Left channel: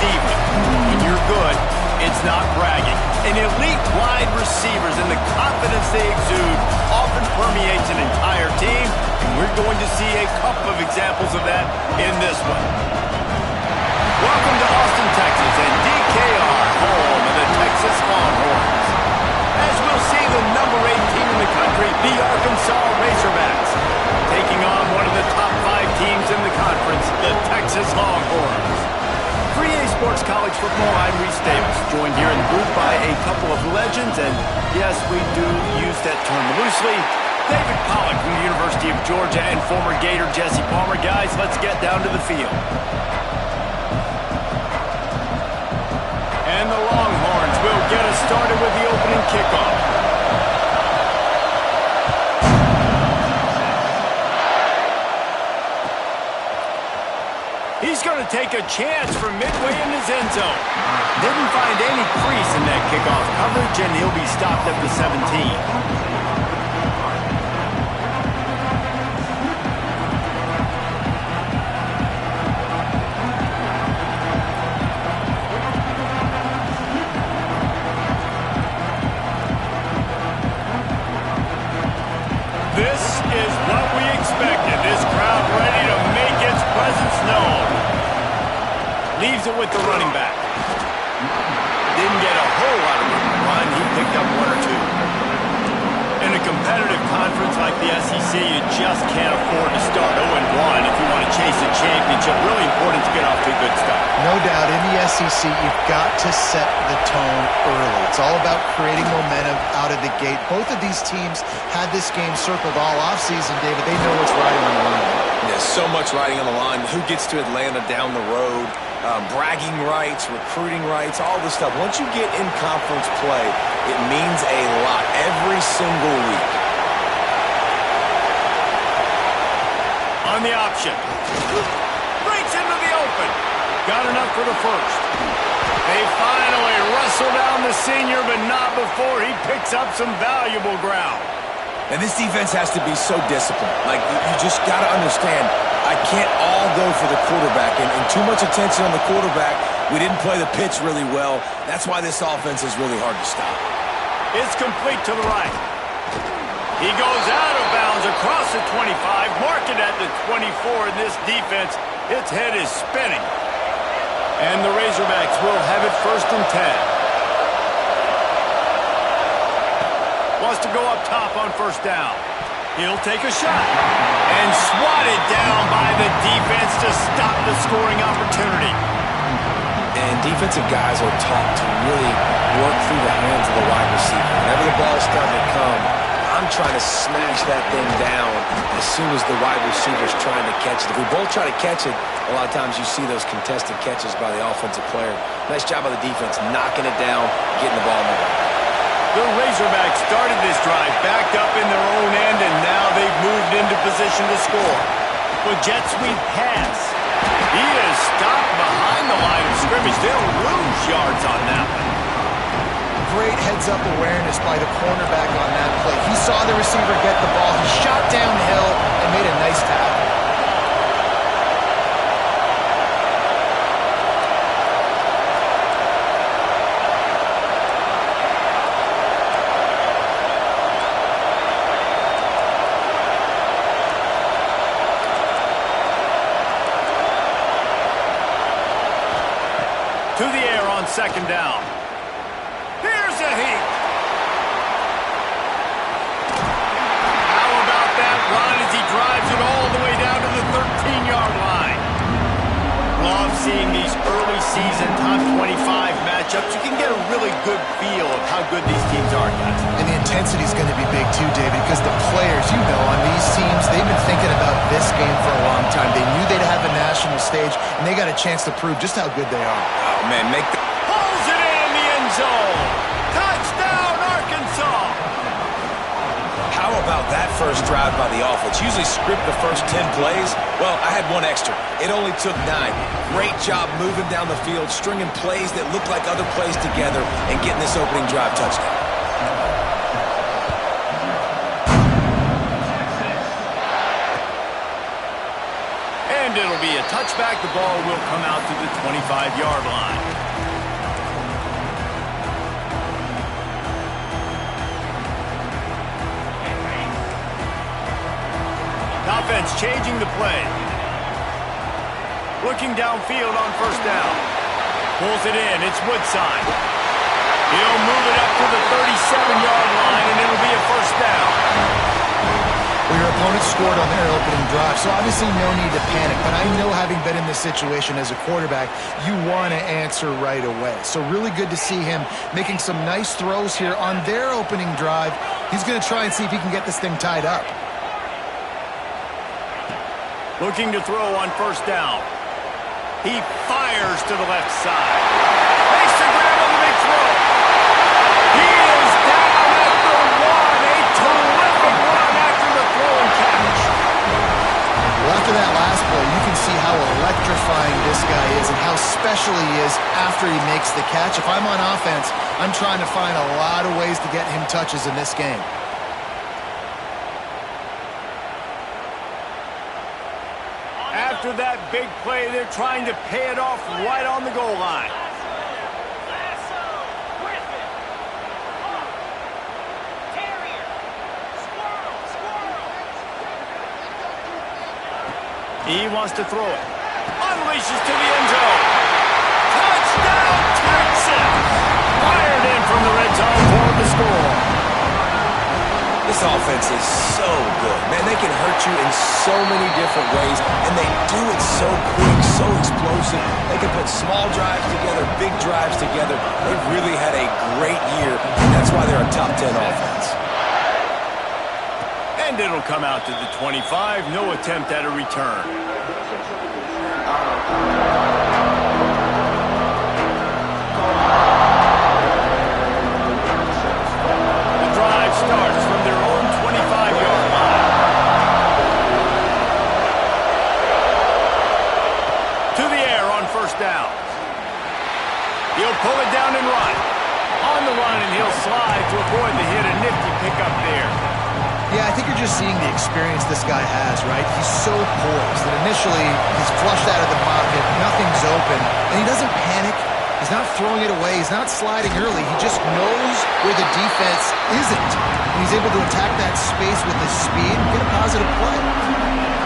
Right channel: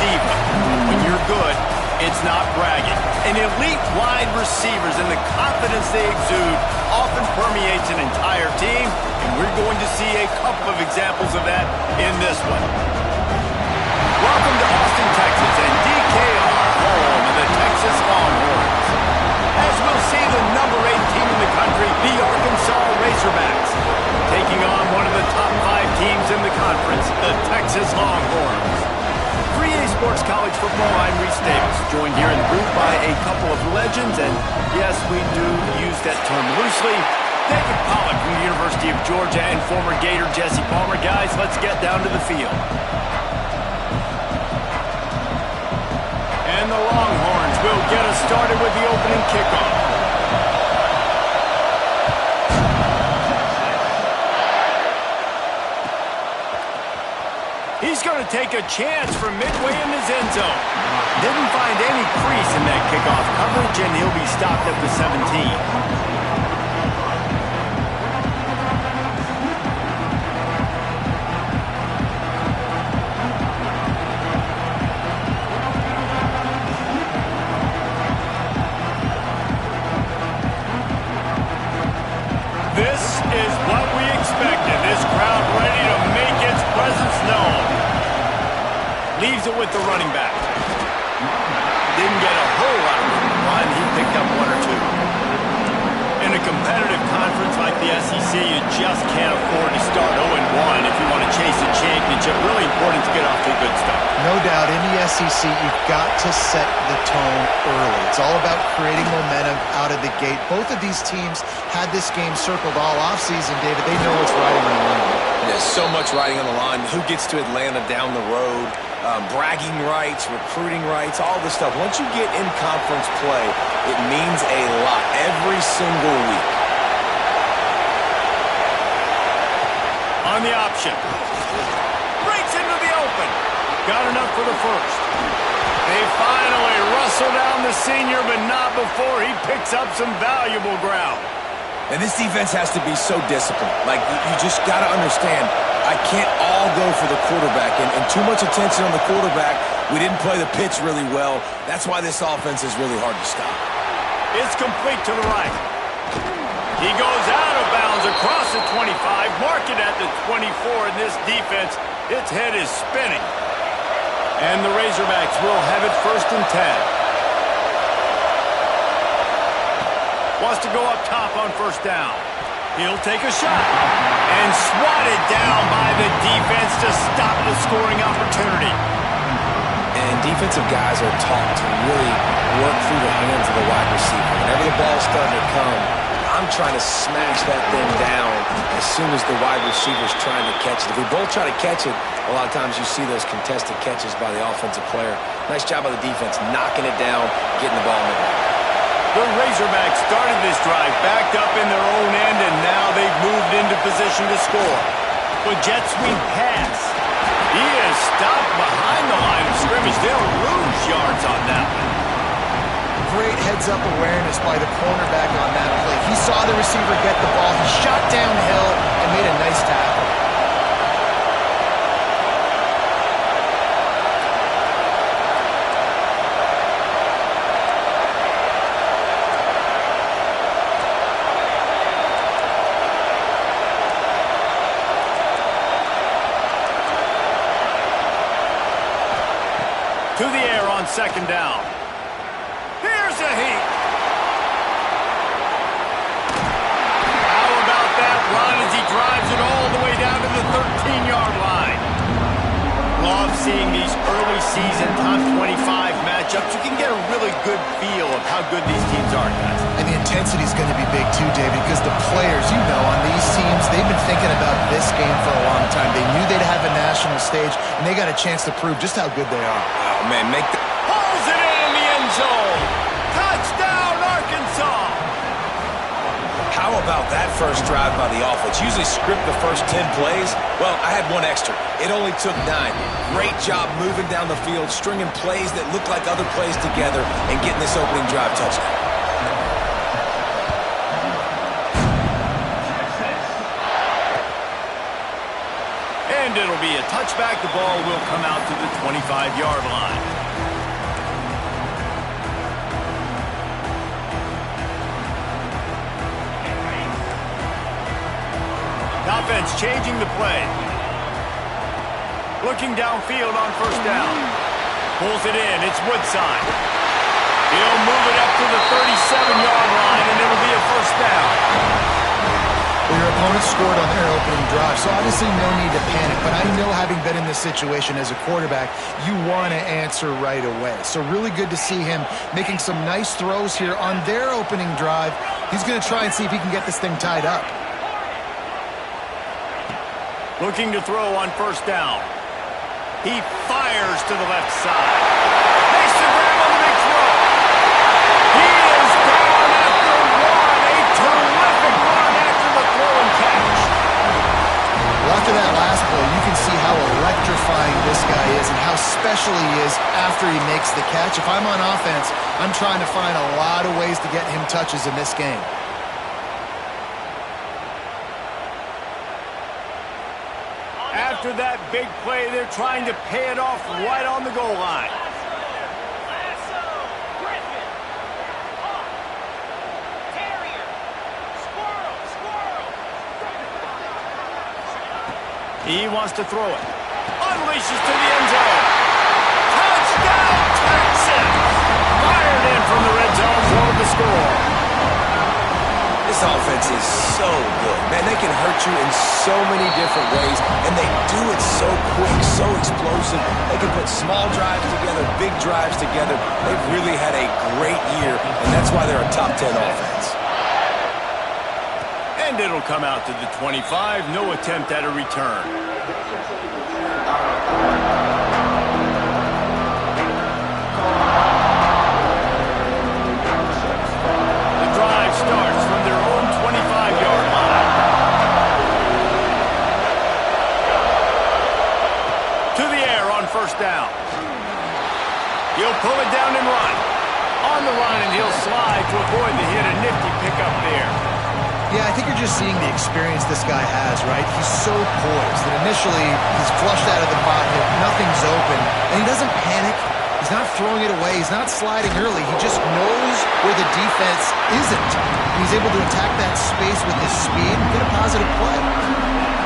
deep. When you're good, it's not bragging. And elite wide receivers and the confidence they exude often permeates an entire team, and we're going to see a couple of examples of that in this one. Welcome to Austin, Texas, and DKR, home of the Texas Longhorns. As we'll see, the number 8 team in the country, the Arkansas Razorbacks, taking on one of the top 5 teams in the conference, the Texas Longhorns. For EA Sports College Football, I'm Reese Davis, joined here in the booth by a couple of legends, and yes, we do use that term loosely. David Pollack from the University of Georgia and former Gator Jesse Palmer. Guys, let's get down to the field. And the Longhorns will get us started with the opening kickoff. He's going to take a chance from midway in his end zone. Didn't find any crease in that kickoff coverage, and he'll be stopped at the 17. This is what we expected. This crowd ready to make its presence known. Leaves it with the running back. Didn't get a whole lot of room to run. He picked up 1 or 2. In a competitive conference like the SEC, you just can't afford to start 0-1 if you want to chase a championship. Really important to get off to a good start. No doubt, in the SEC, you've got to set the tone early. It's all about creating momentum out of the gate. Both of these teams had this game circled all offseason, David. They know what's riding on the line. There's so much riding on the line. Who gets to Atlanta down the road? Bragging rights, recruiting rights, all this stuff. Once you get in conference play, it means a lot every single week. On the option. Breaks into the open. Got enough for the first. They finally wrestle down the senior, but not before he picks up some valuable ground. And this defense has to be so disciplined. Like, you just got to understand, I can't all go for the quarterback. And too much attention on the quarterback. We didn't play the pitch really well. That's why this offense is really hard to stop. It's complete to the right. He goes out of bounds across the 25, mark it at the 24. In this defense, its head is spinning. And the Razorbacks will have it 1st and 10. Wants to go up top on 1st down. He'll take a shot. And swatted down by the defense to stop the scoring opportunity. And defensive guys are taught to really work through the hands of the wide receiver. Whenever the ball's starting to come, I'm trying to smash that thing down as soon as the wide receiver's trying to catch it. If we both try to catch it, a lot of times you see those contested catches by the offensive player. Nice job by the defense, knocking it down, getting the ball in the ground. The Razorbacks started this drive backed up in their own end, and now they've moved into position to score. With jet sweep pass. He is stopped behind the line of scrimmage. They'll lose yards on that one. Great heads-up awareness by the cornerback on that play. He saw the receiver get the ball. He shot downhill and made a nice tackle. To the air on 2nd down. Here's a heat. How about that run as he drives it all the way down to the 13-yard line? Love seeing these early season top 25 matchups. You can get a really good feel of how good these teams are, guys. And the intensity is going to be big too, David, because the players, you know, on these teams, they've been thinking about this game for a long time. They knew they'd have a national stage, and they got a chance to prove just how good they are. Oh, man, pulls it in the end zone. Touchdown, Arkansas. How about that first drive by the offense? Usually script the first 10 plays. Well, I had one extra. It only took 9. Great job moving down the field, stringing plays that look like other plays together, and getting this opening drive touchdown. And it'll be a touchback. The ball will come out to the 25-yard line. Offense changing the play. Looking downfield on first down. Pulls it in. It's Woodside. He'll move it up to the 37-yard line, and it'll be a first down. Well, your opponent scored on their opening drive, so obviously no need to panic. But I know, having been in this situation as a quarterback, you want to answer right away. So really good to see him making some nice throws here on their opening drive. He's going to try and see if he can get this thing tied up. Looking to throw on first down. He fires to the left side. Makes the grab on the big throw. He is down at the one. A terrific run after the throw and catch. Well, after that last play, you can see how electrifying this guy is and how special he is after he makes the catch. If I'm on offense, I'm trying to find a lot of ways to get him touches in this game. After that big play, they're trying to pay it off right on the goal line. Lasso, Griffin, Hawk, Terrier, Squirrel. He wants to throw it. Unleashes to the end zone. Touchdown, Texas! Fired in from the red zone for the score. This offense is so good. Man, they can hurt you in so many different ways, and they do it so quick, so explosive. They can put small drives together, big drives together. They've really had a great year, and that's why they're a top 10 offense. And it'll come out to the 25. No attempt at a return. Drive starts from their own 25-yard line. To the air on first down. He'll pull it down and run. On the run, and he'll slide to avoid the hit. A nifty pickup there. Yeah, I think you're just seeing the experience this guy has, right? He's so poised that initially he's flushed out of the pocket, nothing's open, and he doesn't panic. He's not throwing it away. He's not sliding early. He just knows where the defense isn't. And he's able to attack that space with his speed and get a positive play.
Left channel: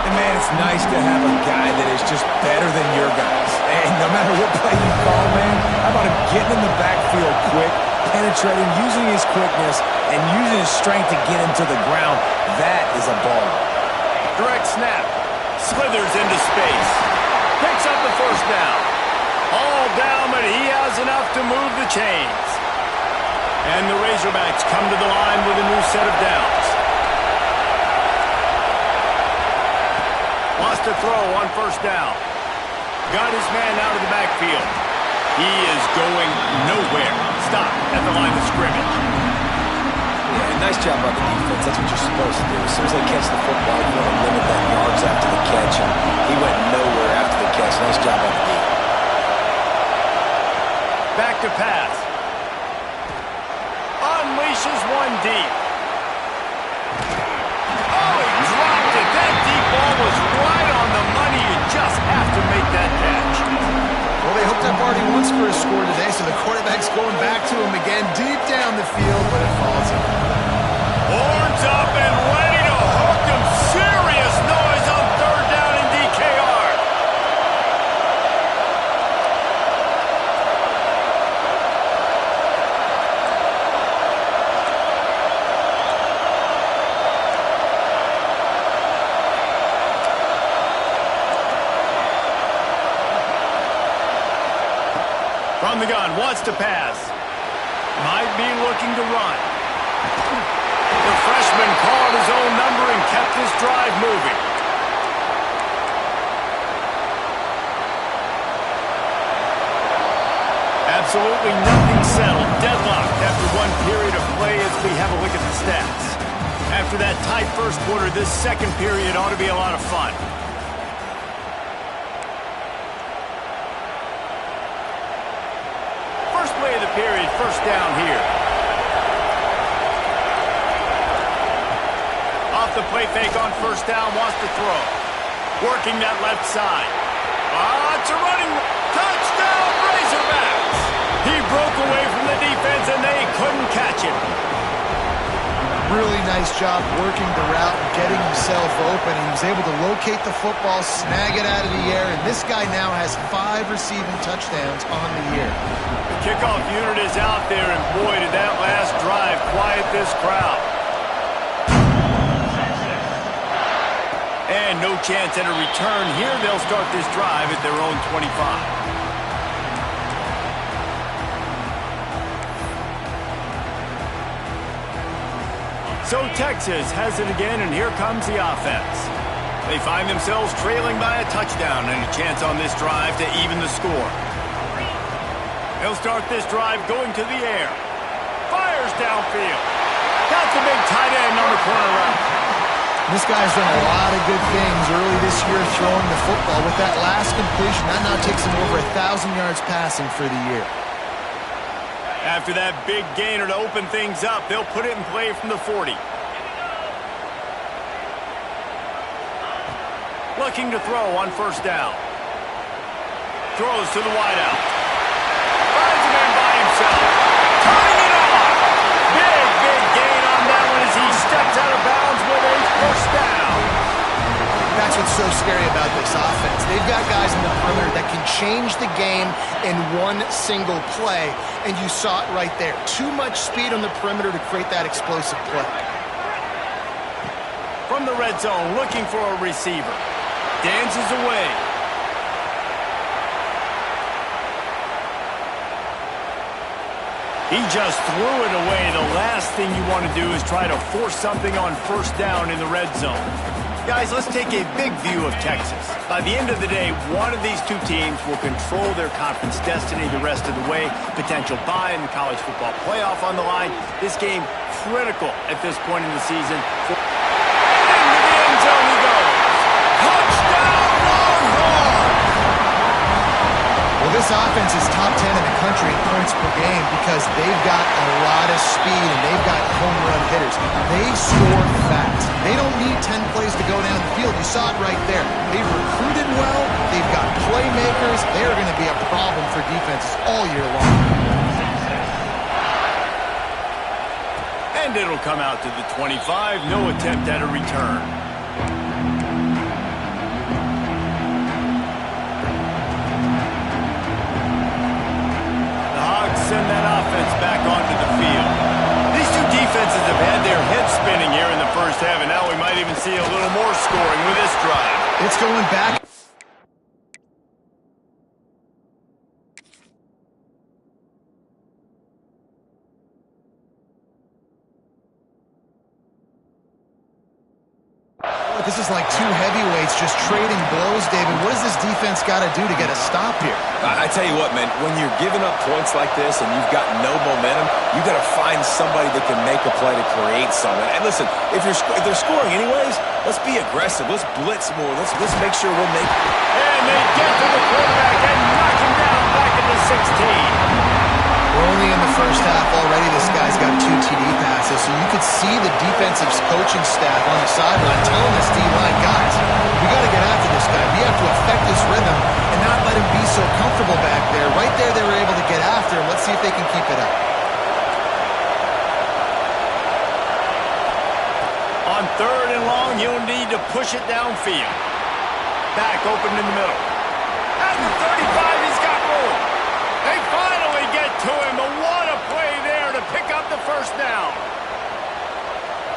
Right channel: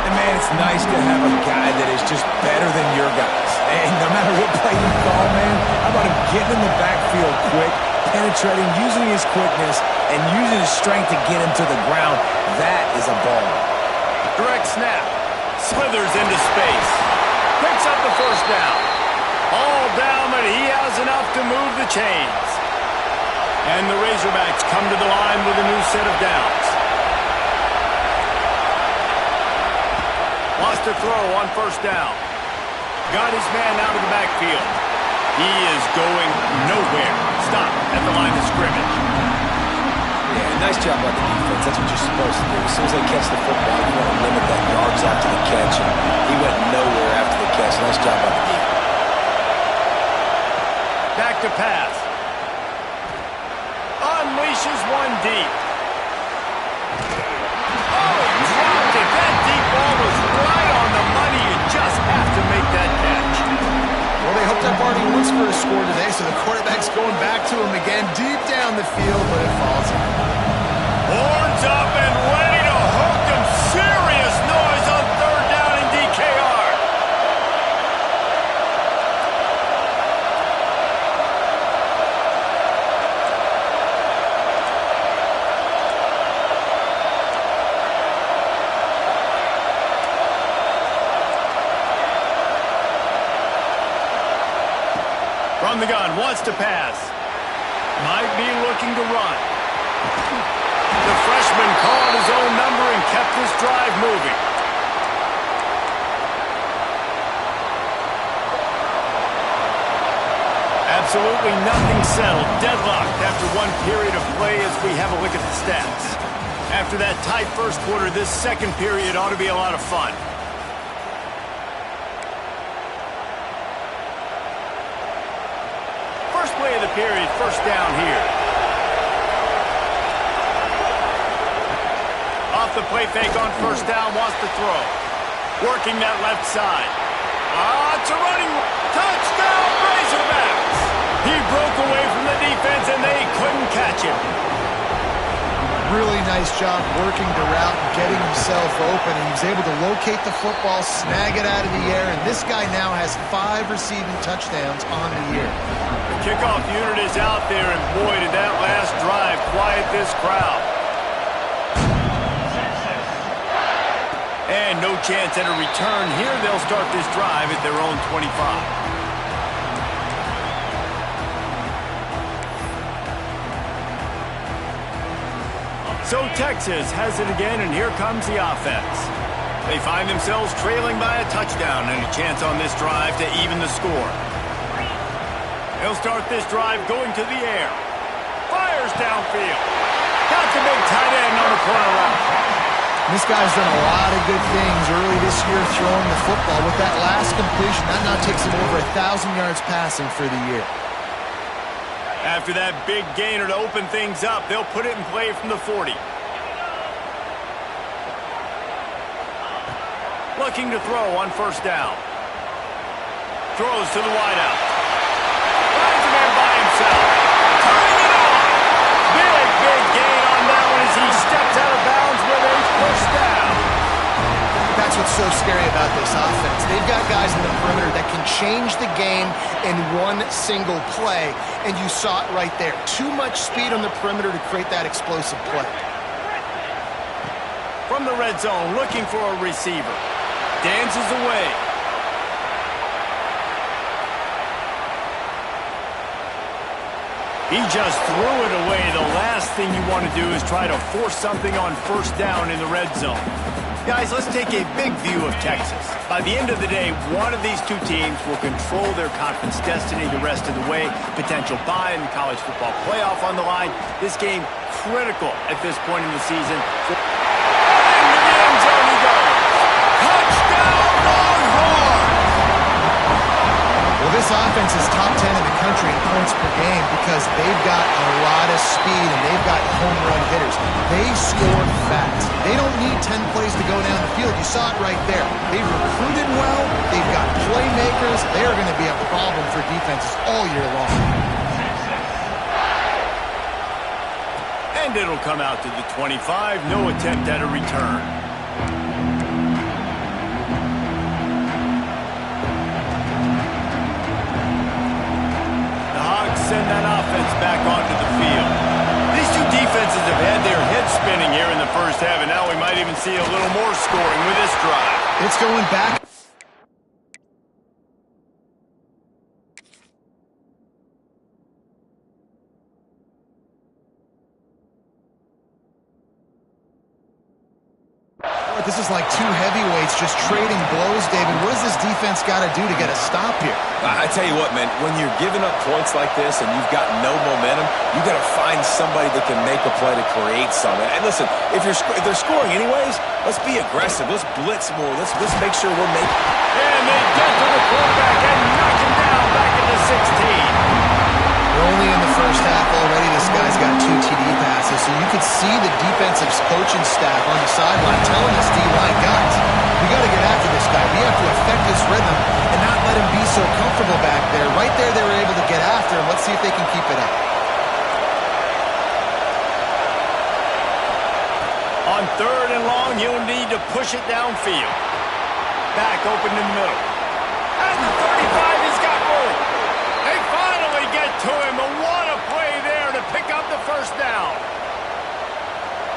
And, man, it's nice to have a guy that is just better than your guys. And no matter what play you call, man, how about him getting in the backfield quick, penetrating, using his quickness, and using his strength to get him to the ground? That is a baller. Direct snap. Slithers into space. Picks up the first down. All down, but he has enough to move the chains. And the Razorbacks come to the line with a new set of downs. Wants to throw on first down. Got his man out of the backfield. He is going nowhere. Stop at the line of scrimmage. Yeah, nice job by the defense. That's what you're supposed to do. As soon as they catch the football, you want to limit that yards after the catch. And he went nowhere after the catch. Nice job by the defense. Back to pass. Unleashes one deep. Oh, he dropped it. That deep ball was right on the money. You just have to make that catch. Well, they hooked up already once for a score today, so the quarterback's going back to him again deep down the field, but it falls in. Horns up and ready to hook him. Serious noise on third down in DKR. From the gun, wants to pass. Might be looking to run. The freshman called his own number and kept this drive moving. Absolutely nothing settled. Deadlocked after one period of play as we have a look at the stats. After that tight first quarter, this second period ought to be a lot of fun. First play of the period, first down here. Off the play fake on first down, wants to throw. working that left side. It's a running touchdown, Razorbacks. He broke away from the defense, and they couldn't catch him. Really nice job working the route and getting himself open. And he was able to locate the football, snag it out of the air, and this guy now has 5 receiving touchdowns on the year. The kickoff unit is out there, and boy, did that last drive quiet this crowd. And no chance at a return here. They'll start this drive at their own 25. So Texas has it again, and here comes the offense. They find themselves trailing by a touchdown and a chance on this drive to even the score. They'll start this drive going to the air. Fires downfield. Got the big tight end on the corner route. This guy's done a lot of good things early this year throwing the football. With that last completion, that now takes him over 1,000 yards passing for the year. After that big gainer to open things up, they'll put it in play from the 40. Looking to throw on first down. Throws to the wideout. Finds a man by himself. Turning it on. Big gain on that one as he steps out of bounds with a first down. That's what's so scary about this offense. They've got guys in the perimeter that can change the game in one single play, and you saw it right there. Too much speed on the perimeter to create that explosive play. From the red zone, looking for a receiver. Dances away. He just threw it away. The last thing you want to do is try to force something on first down in the red zone. Guys, let's take a big view of Texas. By the end of the day, one of these two teams will control their conference destiny the rest of the way. Potential bye in the college football playoff on the line. This game critical at this point in the season. And into the end zone he goes. Touchdown, Longhorns! Well, this offense is top 10 in the country in points per game because they've got a lot of speed and they've got home run hitters. They score fast. They don't need 10 plays to go down the field. You saw it right there. They've recruited well. They've got playmakers. They are going to be a problem for defenses all year long. And it'll come out to the 25. No attempt at a return. Send that offense back onto the field. These two defenses have had their heads spinning here in the first half, and now we might even see a little more scoring with this drive. It's going back. This is like two heavyweights just trading blows, David. What does this defense got to do to get a stop here? I tell you what, man, when you're giving up points like this and you've got no momentum, you got to find somebody that can make a play to create something. And listen, if they're scoring anyways, let's be aggressive. Let's blitz more. Let's make sure we're making. And they get to the quarterback and knock him down back into 16. We're only in the first half already. This guy's got 2 TD passes, so you could see the defensive coaching staff on the sideline telling this D-line, guys, we got to get after this guy. We have to affect his rhythm and not let him be so comfortable back there. Right there, they were able to get after him. Let's see if they can keep it up. On 3rd and long, he'll need to push it downfield. Back open in the middle. At the 35, he's got room. They finally get to him. But what a play there to pick up the first down.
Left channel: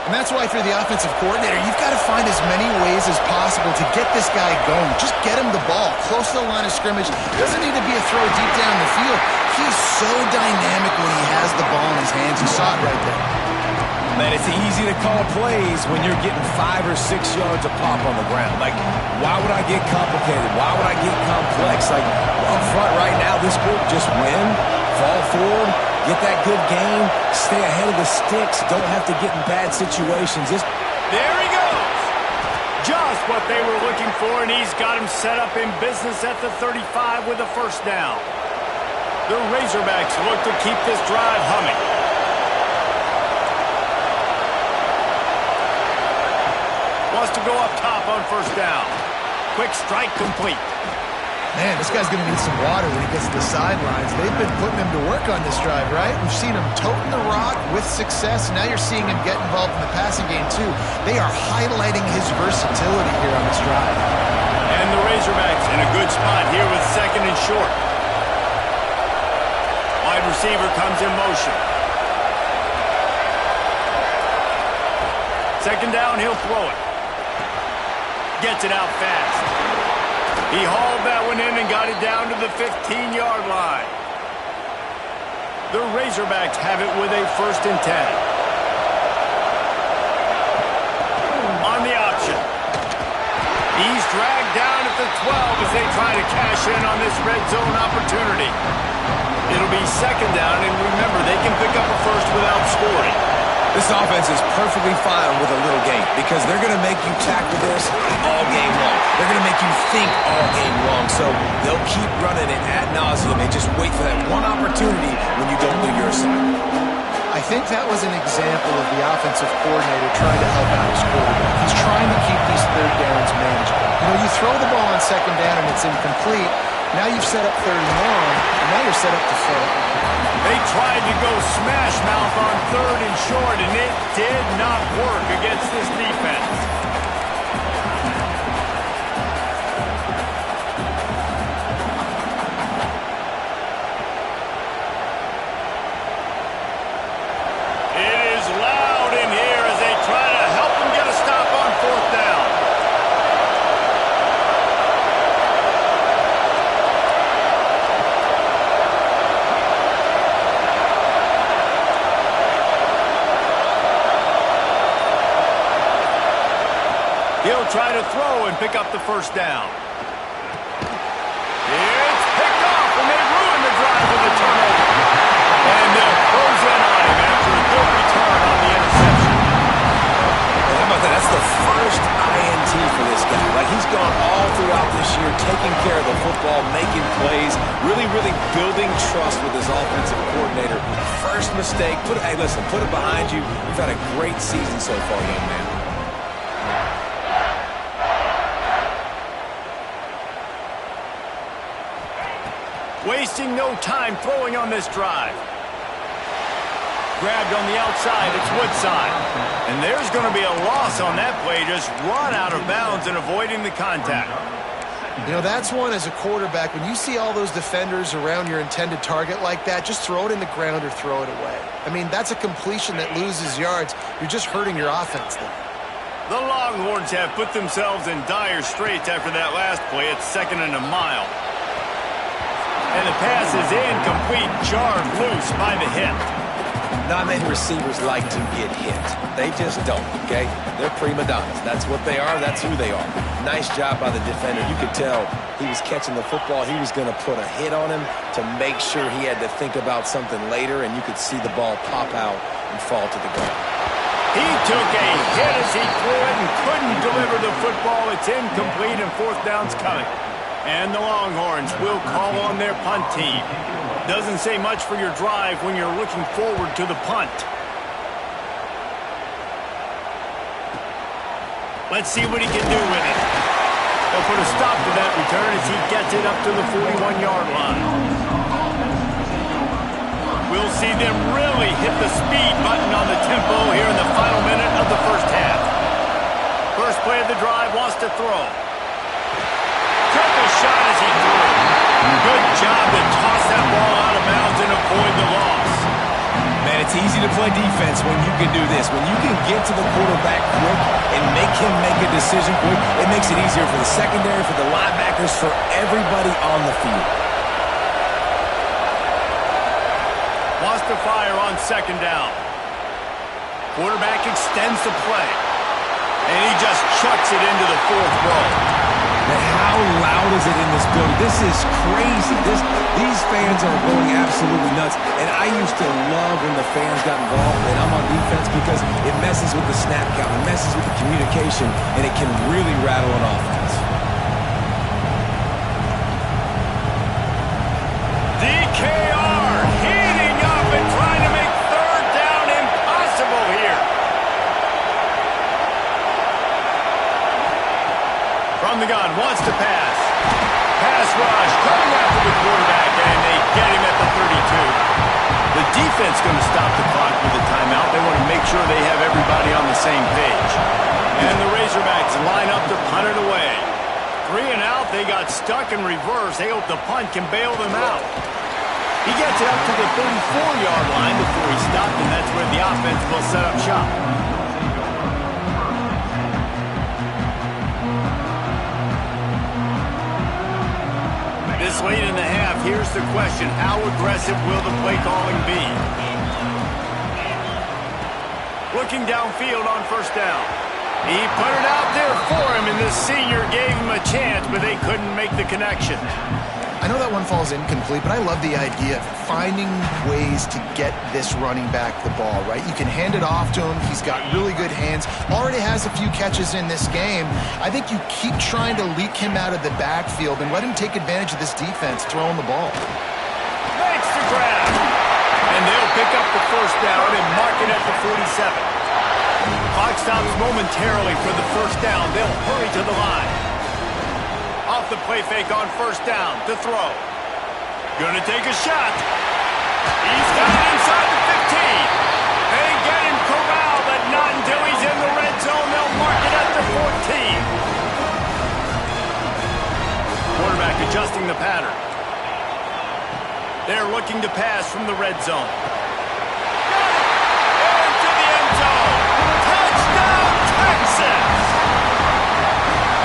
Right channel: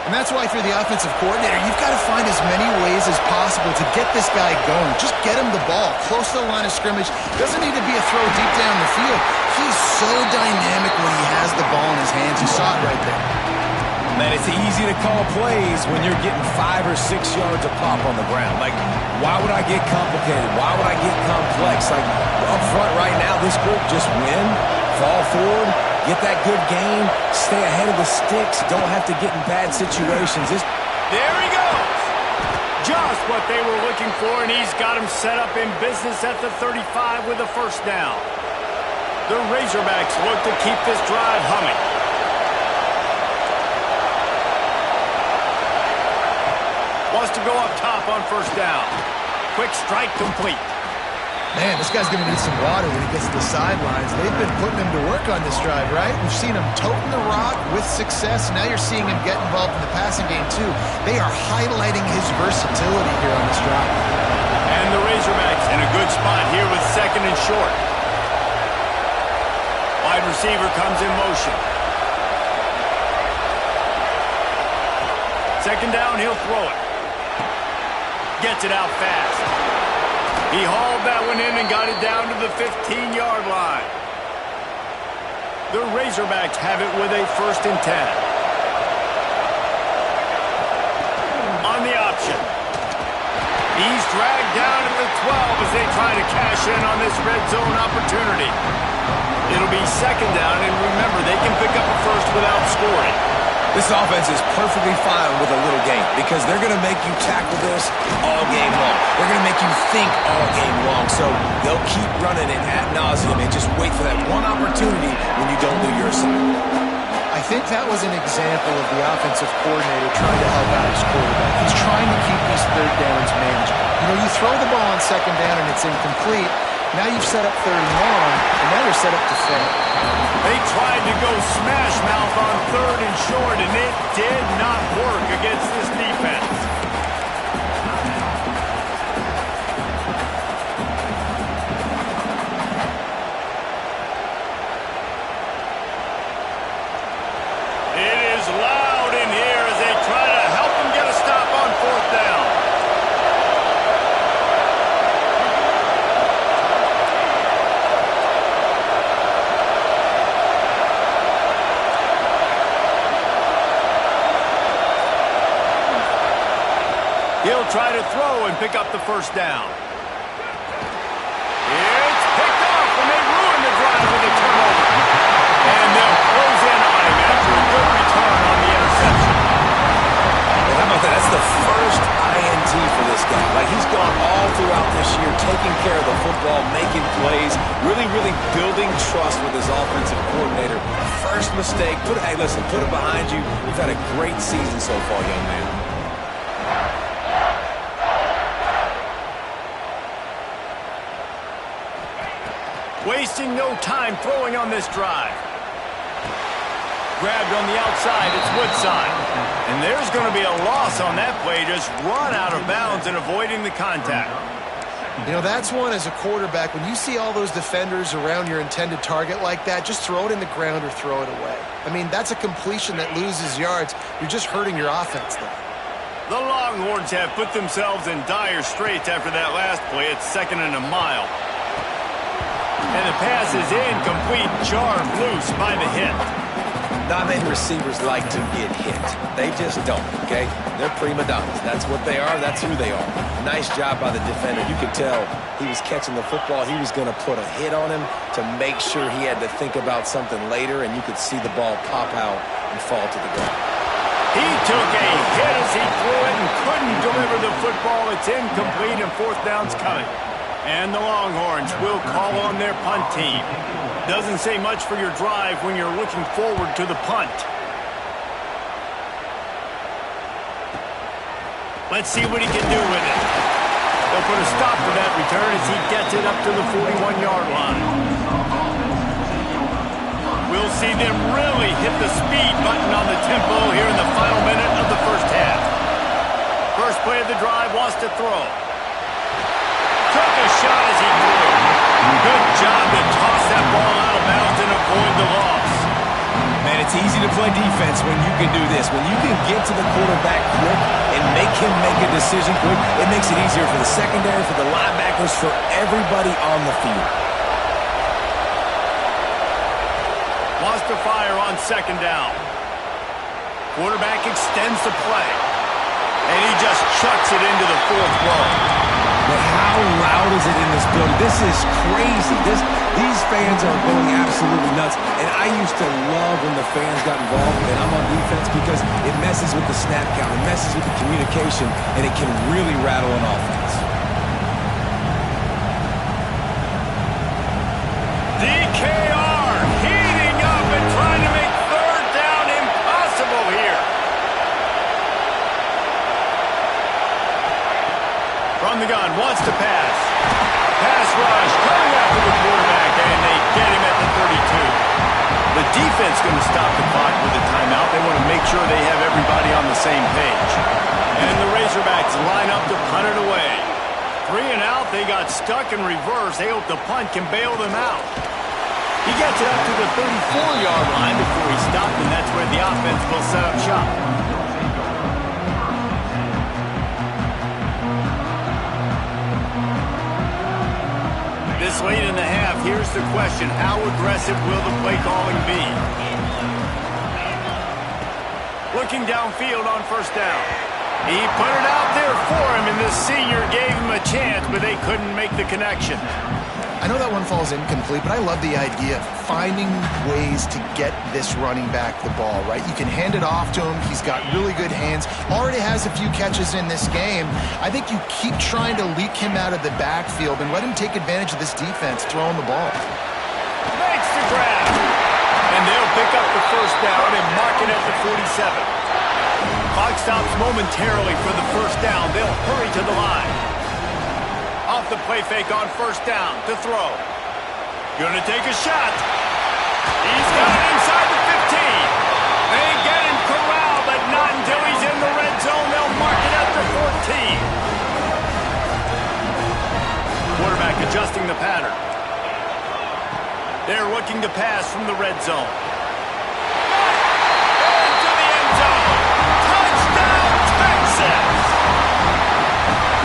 And that's why, if you're the offensive coordinator, you've got to find as many ways as possible to get this guy going. Just get him the ball close to the line of scrimmage. Doesn't need to be a throw deep down the field. He's so dynamic when he has the ball in his hands. You saw it right there. Man, it's easy to call plays when you're getting 5 or 6 yards a pop on the ground. Like, why would I get complicated? Why would I get complex? Like, up front right now, this group just win, fall forward, get that good gain, stay ahead of the sticks, don't have to get in bad situations. There he goes. Just what they were looking for, and he's got him set up in business at the 35 with a first down. The Razorbacks look to keep this drive humming. Wants to go up top on first down. quick strike complete. Man, this guy's going to need some water when he gets to the sidelines. They've been putting him to work on this drive, right? We've seen him toting the rock with success. Now you're seeing him get involved in the passing game, too. They are highlighting his versatility here on this drive. And the Razorbacks in a good spot here with second and short. Wide receiver comes in motion. Second down, he'll throw it. Gets it out fast. He hauled that one in and got it down to the 15-yard line. The Razorbacks have it with a 1st and 10. On the option. He's dragged down at the 12 as they try to cash in on this red zone opportunity. It'll be second down, and remember, they can pick up a first without scoring. This offense is perfectly fine with a little game because they're going to make you tackle this all game long. They're going to make you think all game long. So they'll keep running it ad nauseum and just wait for that one opportunity when you don't do your assignment. I think that was an example of the offensive coordinator trying to help out his quarterback. He's trying to keep these third downs manageable. You know, you throw the ball on second down and it's incomplete. Now you've set up third and long, and now you're set up to fail. They tried to go smash mouth on third and short, and it did not work against this defense. It is loud in here as they try to help him get a stop on 4th down. He'll try to throw and pick up the 1st down. It's picked off, and they ruin the drive with a turnover. And they'll close in on him after a good return on the interception. And how about that? That's the first INT for this guy. Like, he's gone all throughout this year, taking care of the football, making plays, really building trust with his offensive coordinator. First mistake, hey, listen, put it behind you. You've had a great season so far, young man. Wasting no time throwing on this drive. Grabbed on the outside, it's Woodside. And there's going to be a loss on that play, just run out of bounds and avoiding the contact. You know, that's one as a quarterback. When you see all those defenders around your intended target like that, just throw it in the ground or throw it away. I mean, that's a completion that loses yards. You're just hurting your offense there. The Longhorns have put themselves in dire straits after that last play. It's 2nd and a mile. And the pass is incomplete, jarred loose by the hit. Not many receivers like to get hit. They just don't, okay? They're prima donnas. That's what they are. That's who they are. Nice job by the defender. You could tell he was catching the football. He was going to put a hit on him to make sure he had to think about something later, and you could see the ball pop out and fall to the ground. He took a hit as he threw it and couldn't deliver the football. It's incomplete, and 4th down's coming. And the Longhorns will call on their punt team. Doesn't say much for your drive when you're looking forward to the punt. Let's see what he can do with it. They'll put a stop to that return as he gets it up to the 41-yard line. We'll see them really hit the speed button on the tempo here in the final minute of the 1st half. First play of the drive, wants to throw. Took a shot as he threw. Good job to toss that ball out of bounds and avoid the loss. Man, it's easy to play defense when you can do this. When you can get to the quarterback quick and make him make a decision quick, it makes it easier for the secondary, for the linebackers, for everybody on the field. Wants to fire on 2nd down. Quarterback extends the play. And he just chucks it into the 4th row. But how loud is it in this building? This is crazy. These fans are going absolutely nuts. And I used to love when the fans got involved, and I'm on defense, because it messes with the snap count, it messes with the communication, and it can really rattle an offense. DKR heating up and trying to make 3rd down impossible here. From the the gun, wants to pass. Pass rush, coming after the quarterback, and they get him at the 32. The defense going to stop the clock with a timeout. They want to make sure they have everybody on the same page. And the Razorbacks line up to punt it away. 3 and out, they got stuck in reverse. They hope the punt can bail them out. He gets it up to the 34-yard line before he stopped, and that's where the offense will set up shop. This late in the half, here's the question. How aggressive will the play calling be? Looking downfield on first down. He put it out there for him, and the senior gave him a chance, but they couldn't make the connection. I know that one falls incomplete, but I love the idea of finding ways to get this running back the ball, right? You can hand it off to him. He's got really good hands. Already has a few catches in this game. I think you keep trying to leak him out of the backfield and let him take advantage of this defense throwing the ball. Makes the grab. And they'll pick up the first down and mark it at the 47. Clock stops momentarily for the first down. They'll hurry to the line. Off the play fake on first down to throw. Gonna take a shot. He's got it inside the 15. They get him corralled, but not until he's in the red zone. They'll mark it at the 14. Quarterback adjusting the pattern. They're looking to pass from the red zone. Got it! Into the end zone. Touchdown, Texas!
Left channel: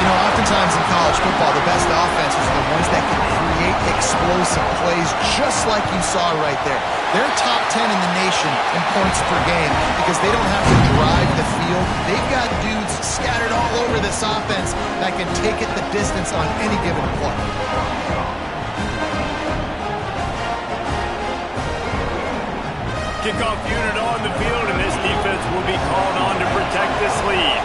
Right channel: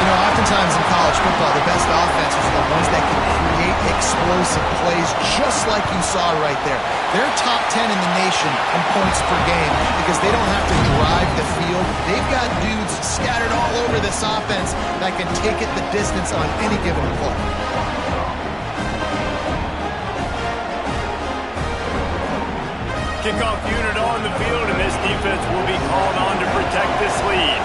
You know, oftentimes in college football, the best offenses are the ones that can create explosive plays just like you saw right there. They're top 10 in the nation in points per game because they don't have to drive the field. They've got dudes scattered all over this offense that can take it the distance on any given play. Kickoff unit on the field, and this defense will be called on to protect this lead.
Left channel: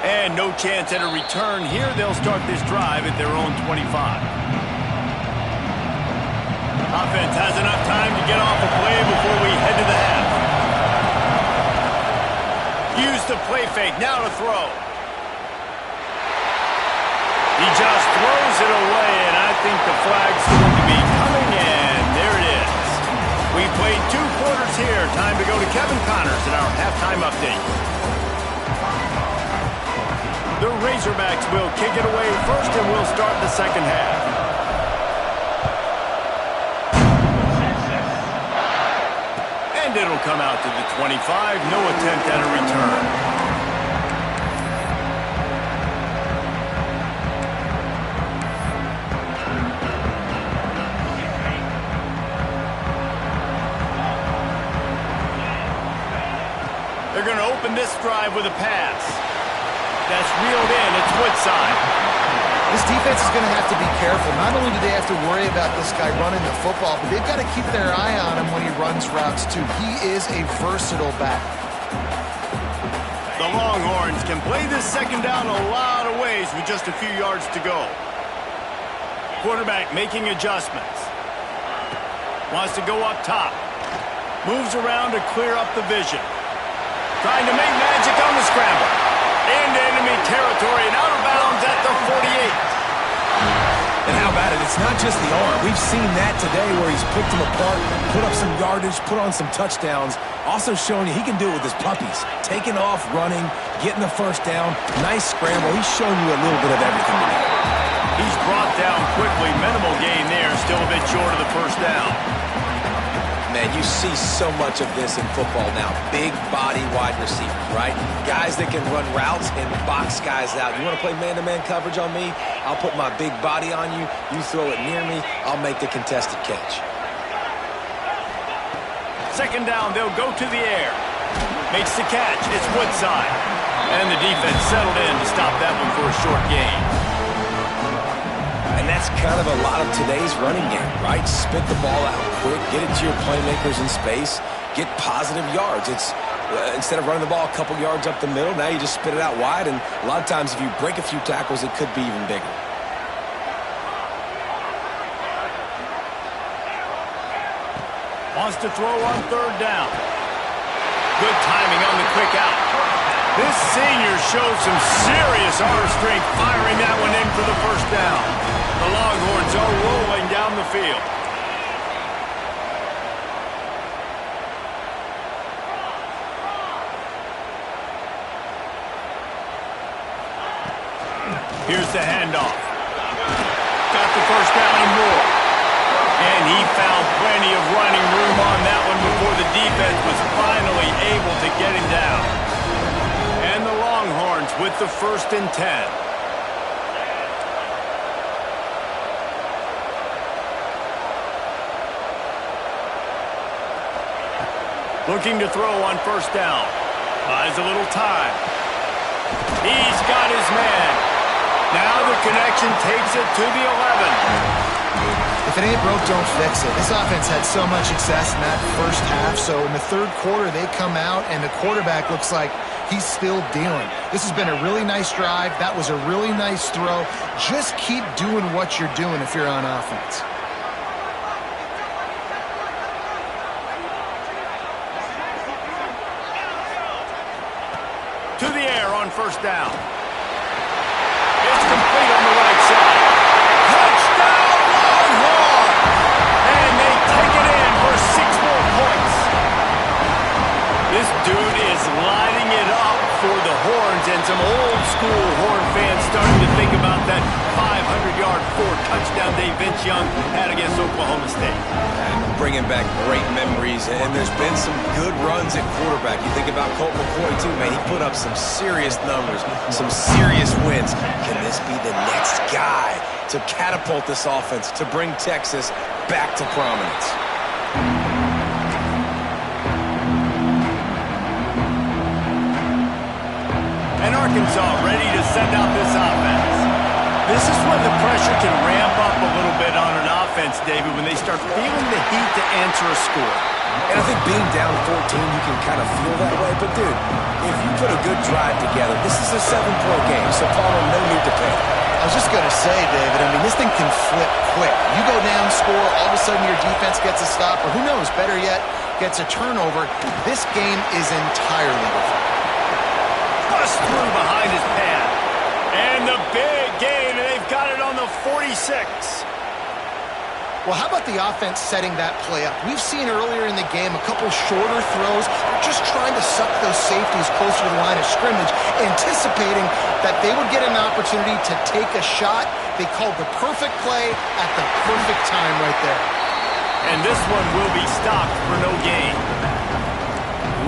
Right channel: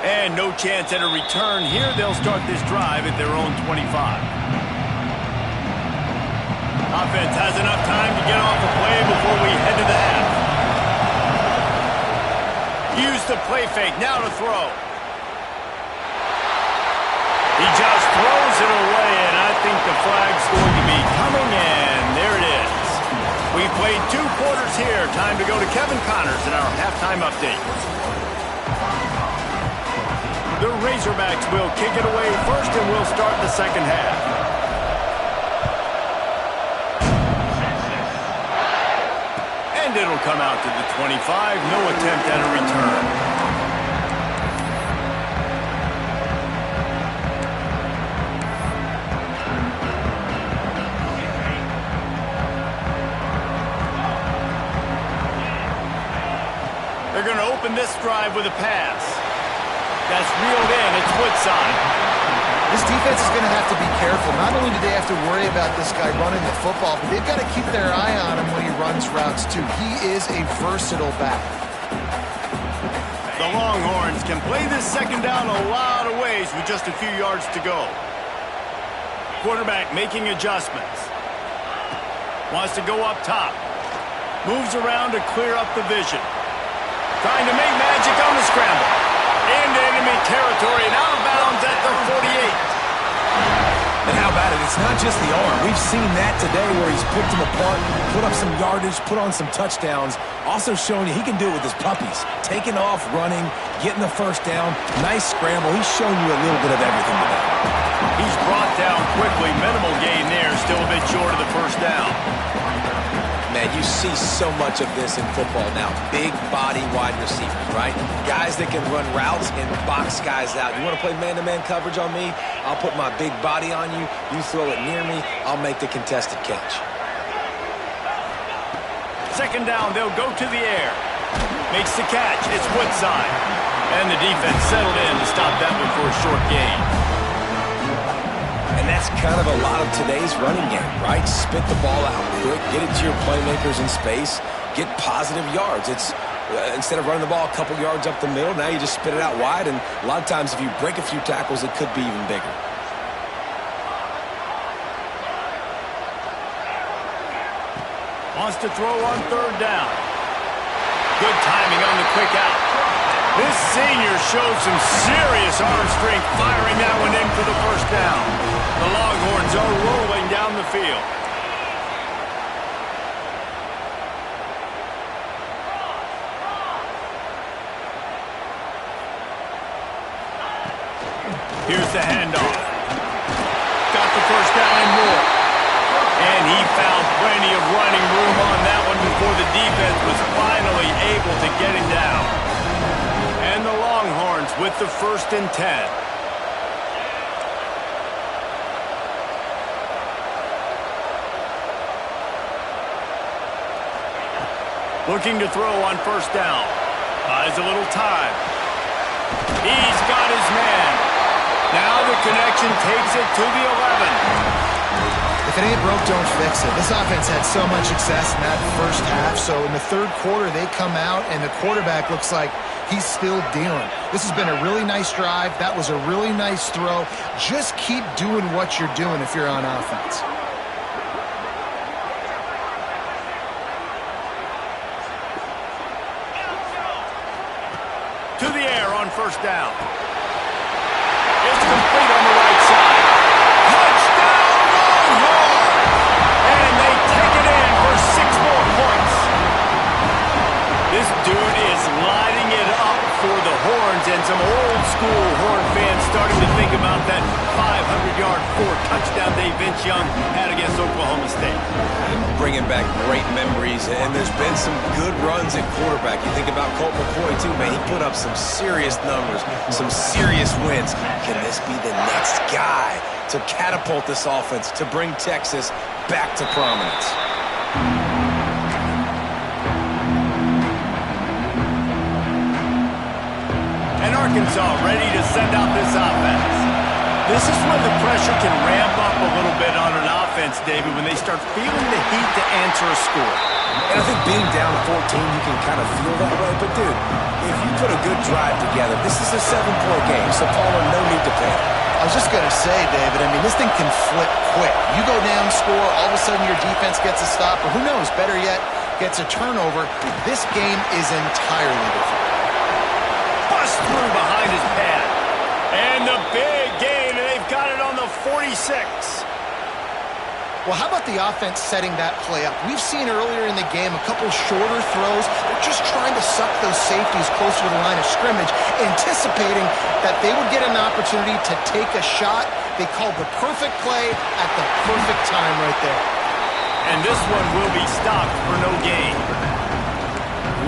And no chance at a return here. They'll start this drive at their own 25. Offense has enough time to get off a play before we head to the half. Use the play fake, now to throw. He just throws it away, and I think the flag's going to be coming, and there it is. We played 2 quarters here. Time to go to Kevin Connors in our halftime update. The Razorbacks will kick it away first, and we'll start the second half. And it'll come out to the 25. No attempt at a return. They're going to open this drive with a pass. That's reeled in. It's Woodside. This defense is going to have to be careful. Not only do they have to worry about this guy running the football, but they've got to keep their eye on him when he runs routes, too. He is a versatile back. The Longhorns can play this second down a lot of ways with just a few yards to go. Quarterback making adjustments. Wants to go up top. Moves around to clear up the vision. Trying to make magic on the scramble. Into enemy territory and out of bounds at the 48. And how about it? It's not just the arm. We've seen that today where he's picked them apart, put up some yardage, put on some touchdowns. Also showing you he can do it with his puppies. Taking off, running, getting the first down. Nice scramble. He's shown you a little bit of everything today. He's brought down quickly. Minimal gain there. Still a bit short of the first down. Man, you see so much of this in football now. Big body wide receivers, right? Guys that can run routes and box guys out. You want to play man-to-man coverage on me? I'll put my big body on you. You throw it near me, I'll make the contested catch. Second down, they'll go to the air. Makes the catch. It's Woodside. And the defense settled in to stop that one for a short gain. And that's kind of a lot of today's running game, right? Spit the ball out quick, get it to your playmakers in space, get positive yards. It's instead of running the ball a couple yards up the middle, now you just spit it out wide, and a lot of times if you break a few tackles, it could be even bigger. Wants to throw on third down. Good timing on the quick out. This senior showed some serious arm strength firing that one in for the first down. The Longhorns are rolling down the field. Here's the handoff. Got the first down and more. And he found plenty of running room on that one before the defense was finally able to get him down. And the Longhorns with the 1st and 10. Looking to throw on 1st down. Buys a little time. He's got his man. Now the connection takes it to the 11. If it ain't broke, don't fix it. This offense had so much success in that first half, so in the third quarter they come out and the quarterback looks like he's still dealing. This has been a really nice drive. That was a really nice throw. Just keep doing what you're doing if you're on offense. To the air on 1st down. It's complete on the right side. Touchdown Longhorns! And they take it in for 6 more points. This dude is lighting it up for the Horns, and some old school Horn fans starting to think about that 500-yard 4-touchdown day Vince Young had against Oklahoma State. And bringing back great memories, and there's been some good runs at quarterback. You think about Colt McCoy too, man. He put up some serious numbers, some serious wins. Can this be the next guy to catapult this offense, to bring Texas back to prominence? And Arkansas ready to send out this offense. This is when the pressure can ramp up a little bit on an offense, David, when they start feeling the heat to answer a score. And I think being down 14, you can kind of feel that way. But, dude, if you put a good drive together, this is a 7-point game, so Palmer, no need to panic. I was just going to say, David, I mean, this thing can flip quick. You go down, score, all of a sudden your defense gets a stop, or who knows, better yet, gets a turnover. This game is entirely different. Bust through behind his pad. And the big gain, and they've got it on the 46. Well, how about the offense setting that play up? We've seen earlier in the game a couple shorter throws. They're just trying to suck those safeties closer to the line of scrimmage, anticipating that they would get an opportunity to take a shot. They called the perfect play at the perfect time right there. And this one will be stopped for no gain.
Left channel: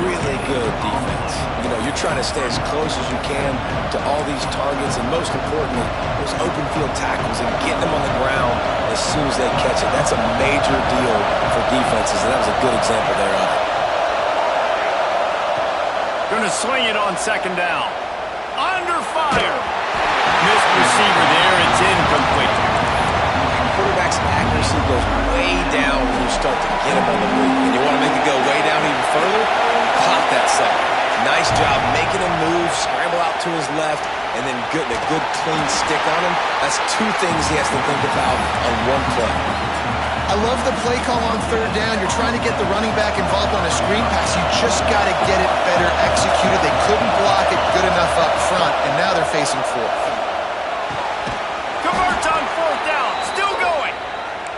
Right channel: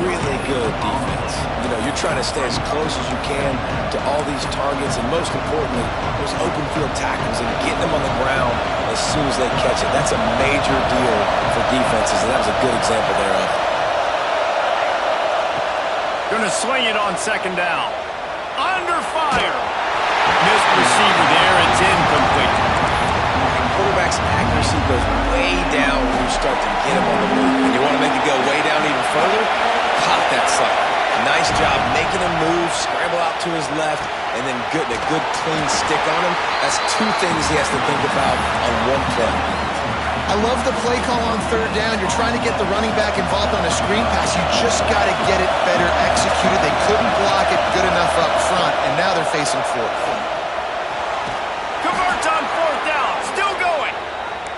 Really good defense. You know, you're trying to stay as close as you can to all these targets, and most importantly, those open field tackles and getting them on the ground as soon as they catch it. That's a major deal for defenses, and that was a good example there of it. Going to swing it on 2nd down. Under fire. Missed receiver there. It's incomplete. Quarterback's accuracy goes way down when you start to get him on the move. And you want to make it go way down even further? Pop that sucker. Nice job making him move, scramble out to his left, and then getting a good clean stick on him. That's 2 things he has to think about on one play. I love the play call on 3rd down. You're trying to get the running back involved on a screen pass. You just got to get it better executed. They couldn't block it good enough up front, and now they're facing 4th. Converts on 4th down. Still going.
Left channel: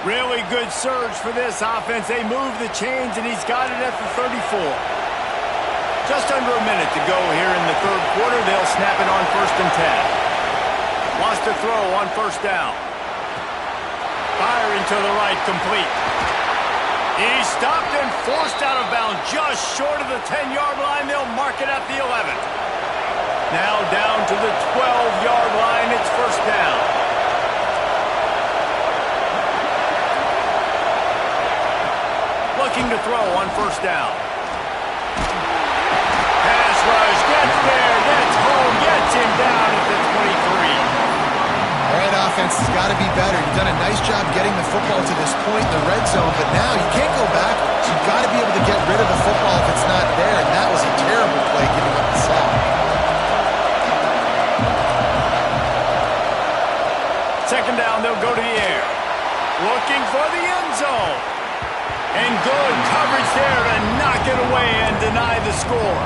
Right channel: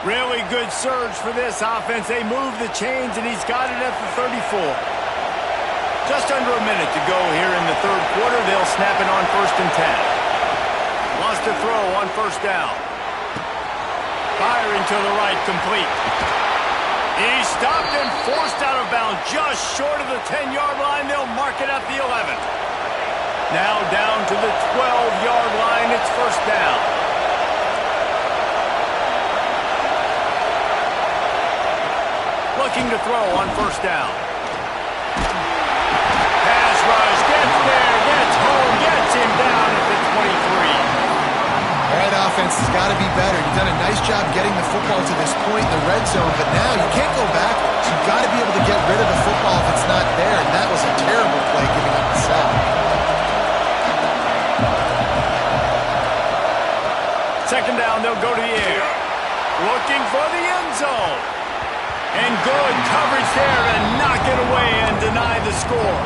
Really good surge for this offense. They move the chains, and he's got it at the 34. Just under a minute to go here in the 3rd quarter. They'll snap it on 1st and 10. Wants to throw on 1st down. Firing to the right, complete. He's stopped and forced out of bounds just short of the 10-yard line. They'll mark it at the 11. Now down to the 12-yard line. It's 1st down. Looking to throw on 1st down. Pass rush, gets there, gets home, gets him down at the 23. All right, offense has got to be better. You've done a nice job getting the football to this point in the red zone, but now you can't go backwards. You've got to be able to get rid of the football if it's not there, and that was a terrible play giving up the sack. 2nd down, they'll go to the air. Looking for the end zone. And good coverage there to knock it away and deny the score.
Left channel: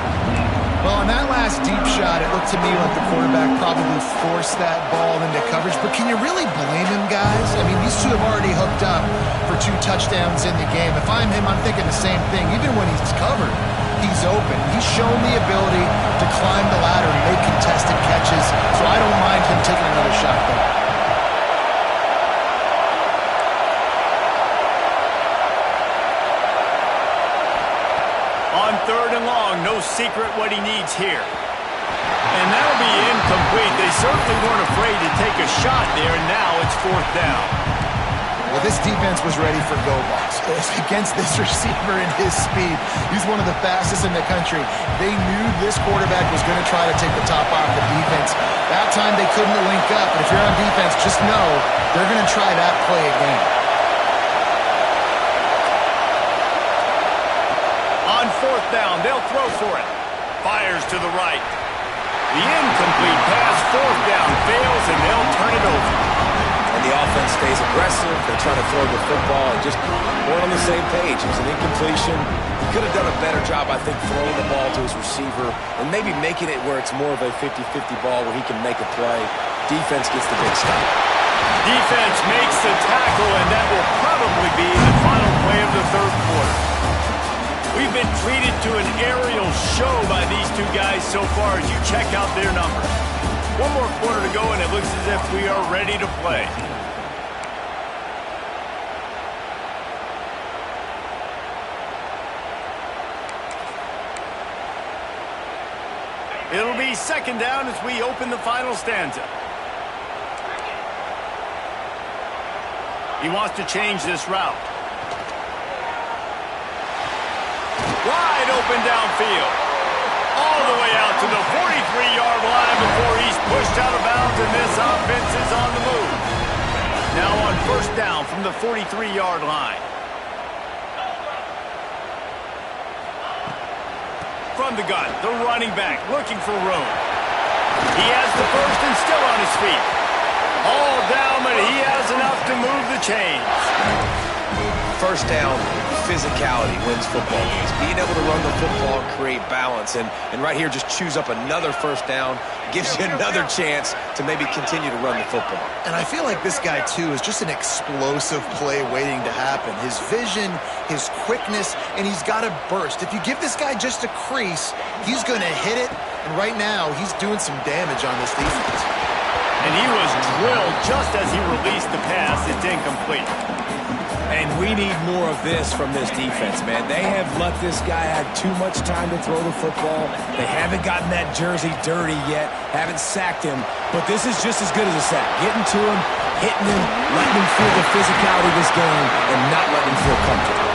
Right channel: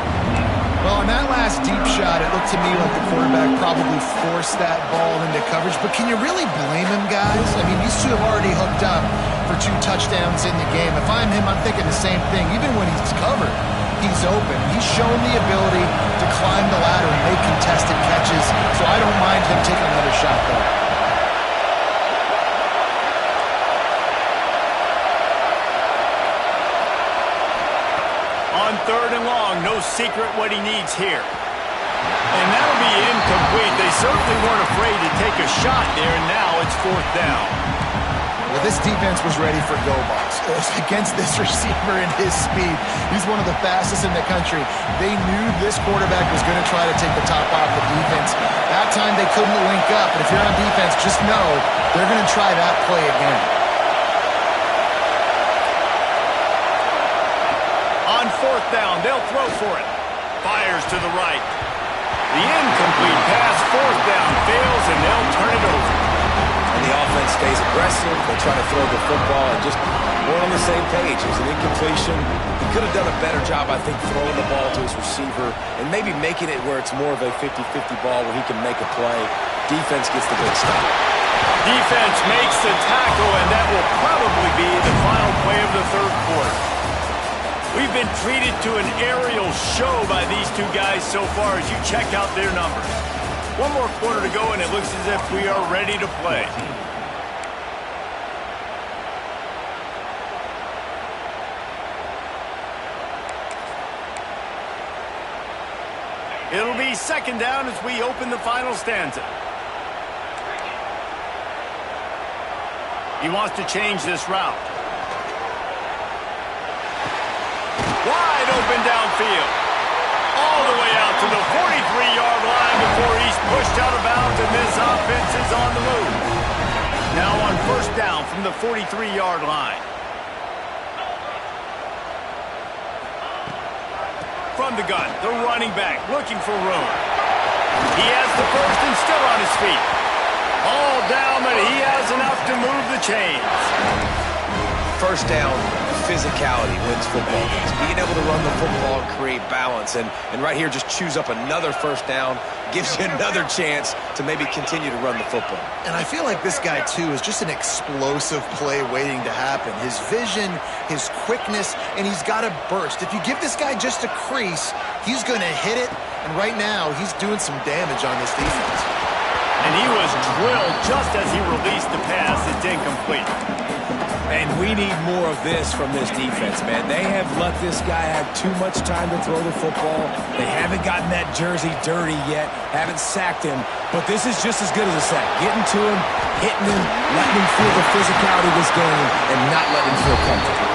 Well, on that last deep shot, it looked to me like the quarterback probably forced that ball into coverage. But can you really blame him, guys? I mean, these two have already hooked up for 2 touchdowns in the game. If I'm him, I'm thinking the same thing. Even when he's covered, he's open. He's shown the ability to climb the ladder and make contested catches. So I don't mind him taking another shot there. On 3rd and long, no secret what he needs here. And that'll be incomplete. They certainly weren't afraid to take a shot there, and now it's 4th down. Well, this defense was ready for go balls against this receiver and his speed. He's one of the fastest in the country. They knew this quarterback was going to try to take the top off the defense. That time they couldn't link up, but if you're on defense, just know they're going to try that play again. On 4th down, they'll throw for it. Fires to the right. The incomplete pass, 4th down, fails, and they'll turn it over. And the offense stays aggressive. They try to throw the football and just weren't on the same page. It was an incompletion. He could have done a better job, I think, throwing the ball to his receiver and maybe making it where it's more of a 50-50 ball where he can make a play. Defense gets the big stop. Defense makes the tackle, and that will probably be the final play of the 3rd quarter. We've been treated to an aerial show by these two guys so far as you check out their numbers. 1 more quarter to go, and it looks as if we are ready to play. It'll be 2nd down as we open the final stanza. He wants to change this route. Wide open downfield. All the way out to the 43-yard line before he's pushed out of bounds, and this offense is on the move. Now on 1st down from the 43-yard line. From the gun, the running back looking for room. He has the first and still on his feet. All down, but he has enough to move the chains. 1st down, physicality wins football games. Being able to run the football and create balance. And right here, just choose up another 1st down, gives you another chance to maybe continue to run the football. And I feel like this guy, too, is just an explosive play waiting to happen. His vision, his quickness, and he's got a burst. If you give this guy just a crease, he's going to hit it. And right now, he's doing some damage on this defense. And he was drilled just as he released the pass. It's incomplete. And we need more of this from this defense, man. They have let this guy have too much time to throw the football. They haven't gotten that jersey dirty yet, haven't sacked him. But this is just as good as a sack. Getting to him, hitting him, letting him feel the physicality of this game, and not letting him feel comfortable.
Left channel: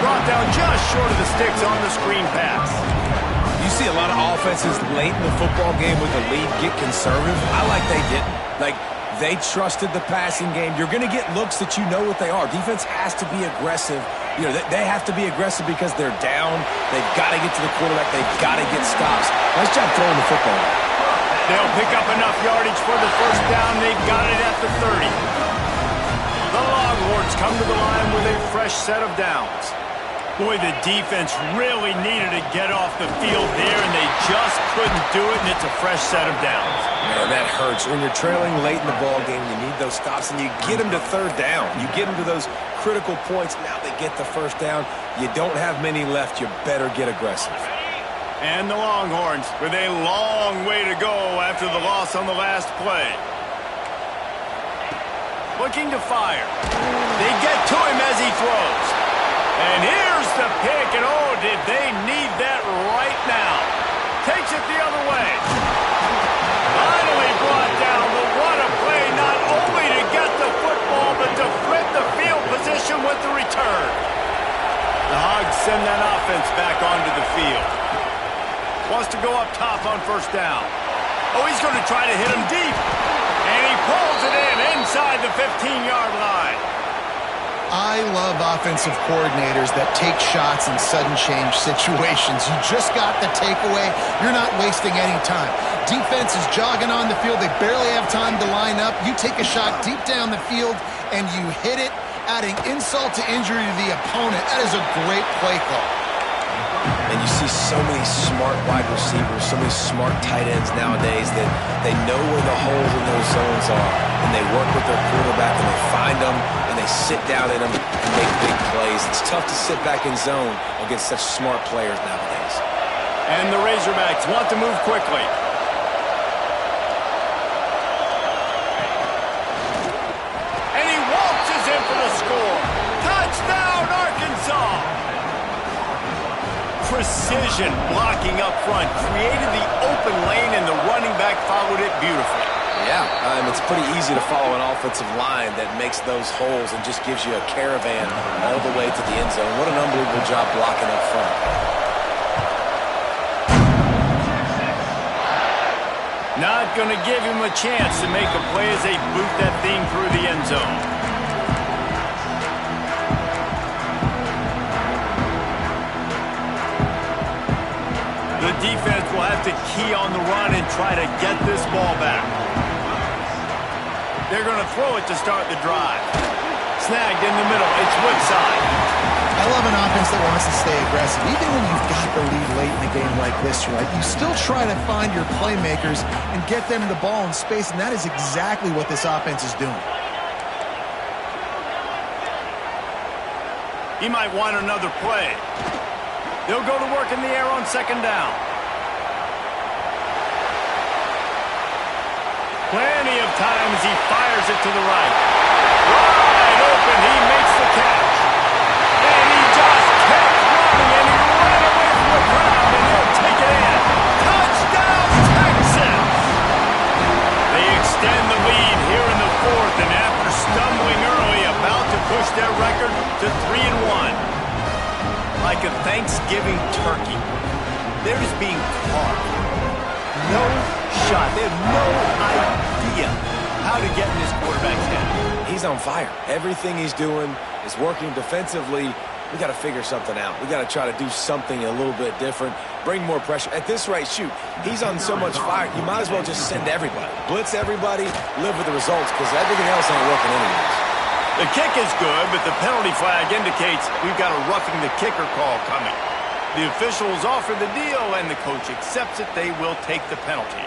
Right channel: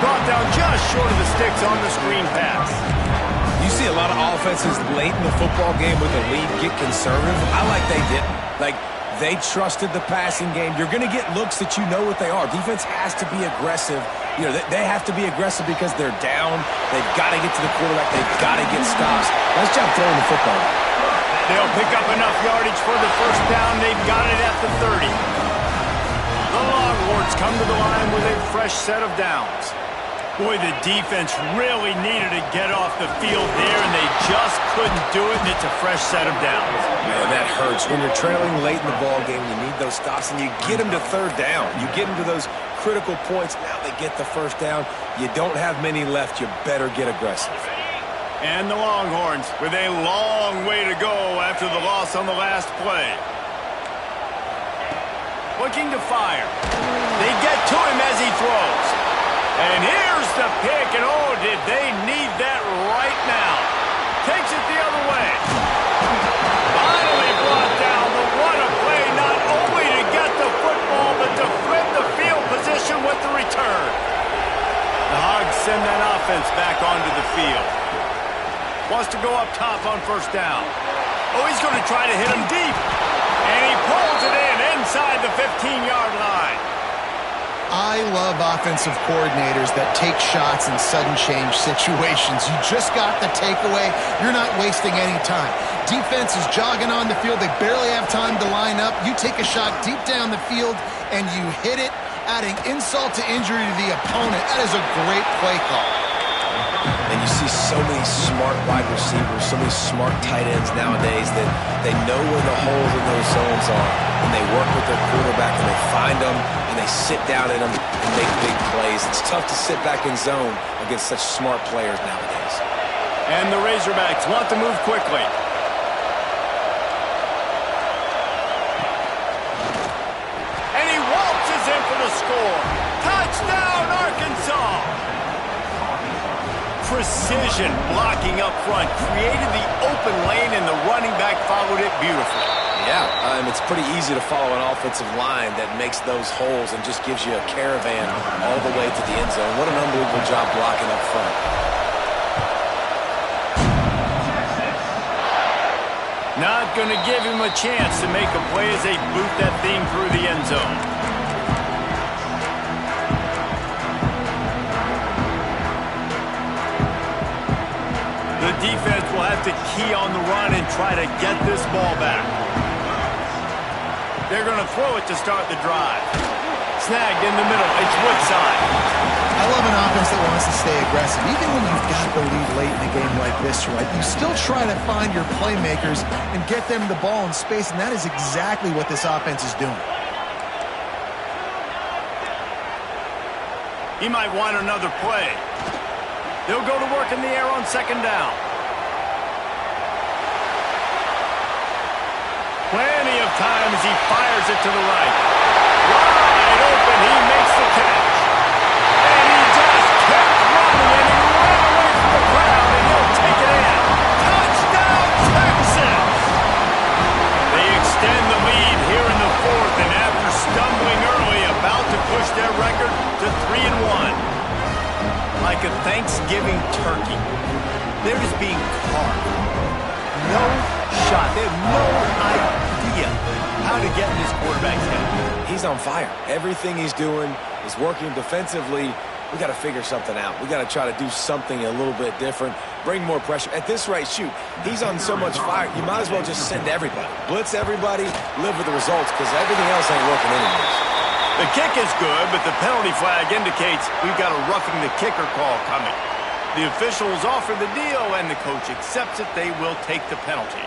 Brought down just short of the sticks on the screen pass. You see a lot of offenses late in the football game with the lead get conservative. I like they didn't. They trusted the passing game. You're going to get looks that you know what they are. Defense has to be aggressive. You know, they have to be aggressive because they're down. They've got to get to the quarterback. They've got to get stops. Nice job throwing the football. They'll pick up enough yardage for the 1st down. They've got it at the 30. The Longhorns come to the line with a fresh set of downs. Boy, the defense really needed to get off the field there, and they just couldn't do it, and it's a fresh set of downs. Man, that hurts. When you're trailing late in the ball game, you need those stops, and you get them to 3rd down. You get them to those critical points. Now they get the 1st down. You don't have many left. You better get aggressive. And the Longhorns with a long way to go after the loss on the last play. Looking to fire. They get to him as he throws. And here's the pick, and oh, did they need that right now. Takes it the other way. Finally brought down. The what a play, not only to get the football, but to flip the field position with the return. The Hogs send that offense back onto the field. Wants to go up top on 1st down. Oh, he's going to try to hit him deep. And he pulls it in inside the 15-yard line. I love offensive coordinators that take shots in sudden change situations. You just got the takeaway. You're not wasting any time. Defense is jogging on the field. They barely have time to line up. You take a shot deep down the field, and you hit it, adding insult to injury to the opponent. That is a great play call. And you see so many smart wide receivers, so many smart tight ends nowadays that they know where the holes in those zones are, and they work with their quarterback, and they find them, and they sit down in them and make big plays. It's tough to sit back in zone against such smart players nowadays. And the Razorbacks want to move quickly. And he waltzes in for the score. Touchdown, Arkansas! Precision blocking up front created the open lane, and the running back followed it beautifully. Yeah, it's pretty easy to follow an offensive line that makes those holes and just gives you a caravan all the way to the end zone. What an unbelievable job blocking up front. Not going to give him a chance to make a play as they boot that thing through the end zone. The defense will have to key on the run and try to get this ball back. They're going to throw it to start the drive. Snagged in the middle. It's Woodside. I love an offense that wants to stay aggressive. Even when you've got the lead late in a game like this, right, you still try to find your playmakers and get them the ball in space, and that is exactly what this offense is doing. He might want another play. They'll go to work in the air on second down. Plenty of time as he fires it to the right. Wide open, he makes the catch. And he just kept running, and he ran away from the crowd, and he'll take it in. Touchdown, Texas! They extend the lead here in the fourth, and after stumbling early, about to push their record to 3-1. Like a Thanksgiving turkey, they're just being carved. No shot. They have no idea how to get in this quarterback's head. He's on fire. Everything he's doing is working defensively. We got to figure something out. We got to try to do something a little bit different, bring more pressure. At this rate, shoot, he's on so much fire, you might as well just send everybody. Blitz everybody, live with the results, because everything else ain't working anyways. The kick is good, but the penalty flag indicates we've got a roughing the kicker call coming. The officials offer the deal, and the coach accepts it. They will take the penalty.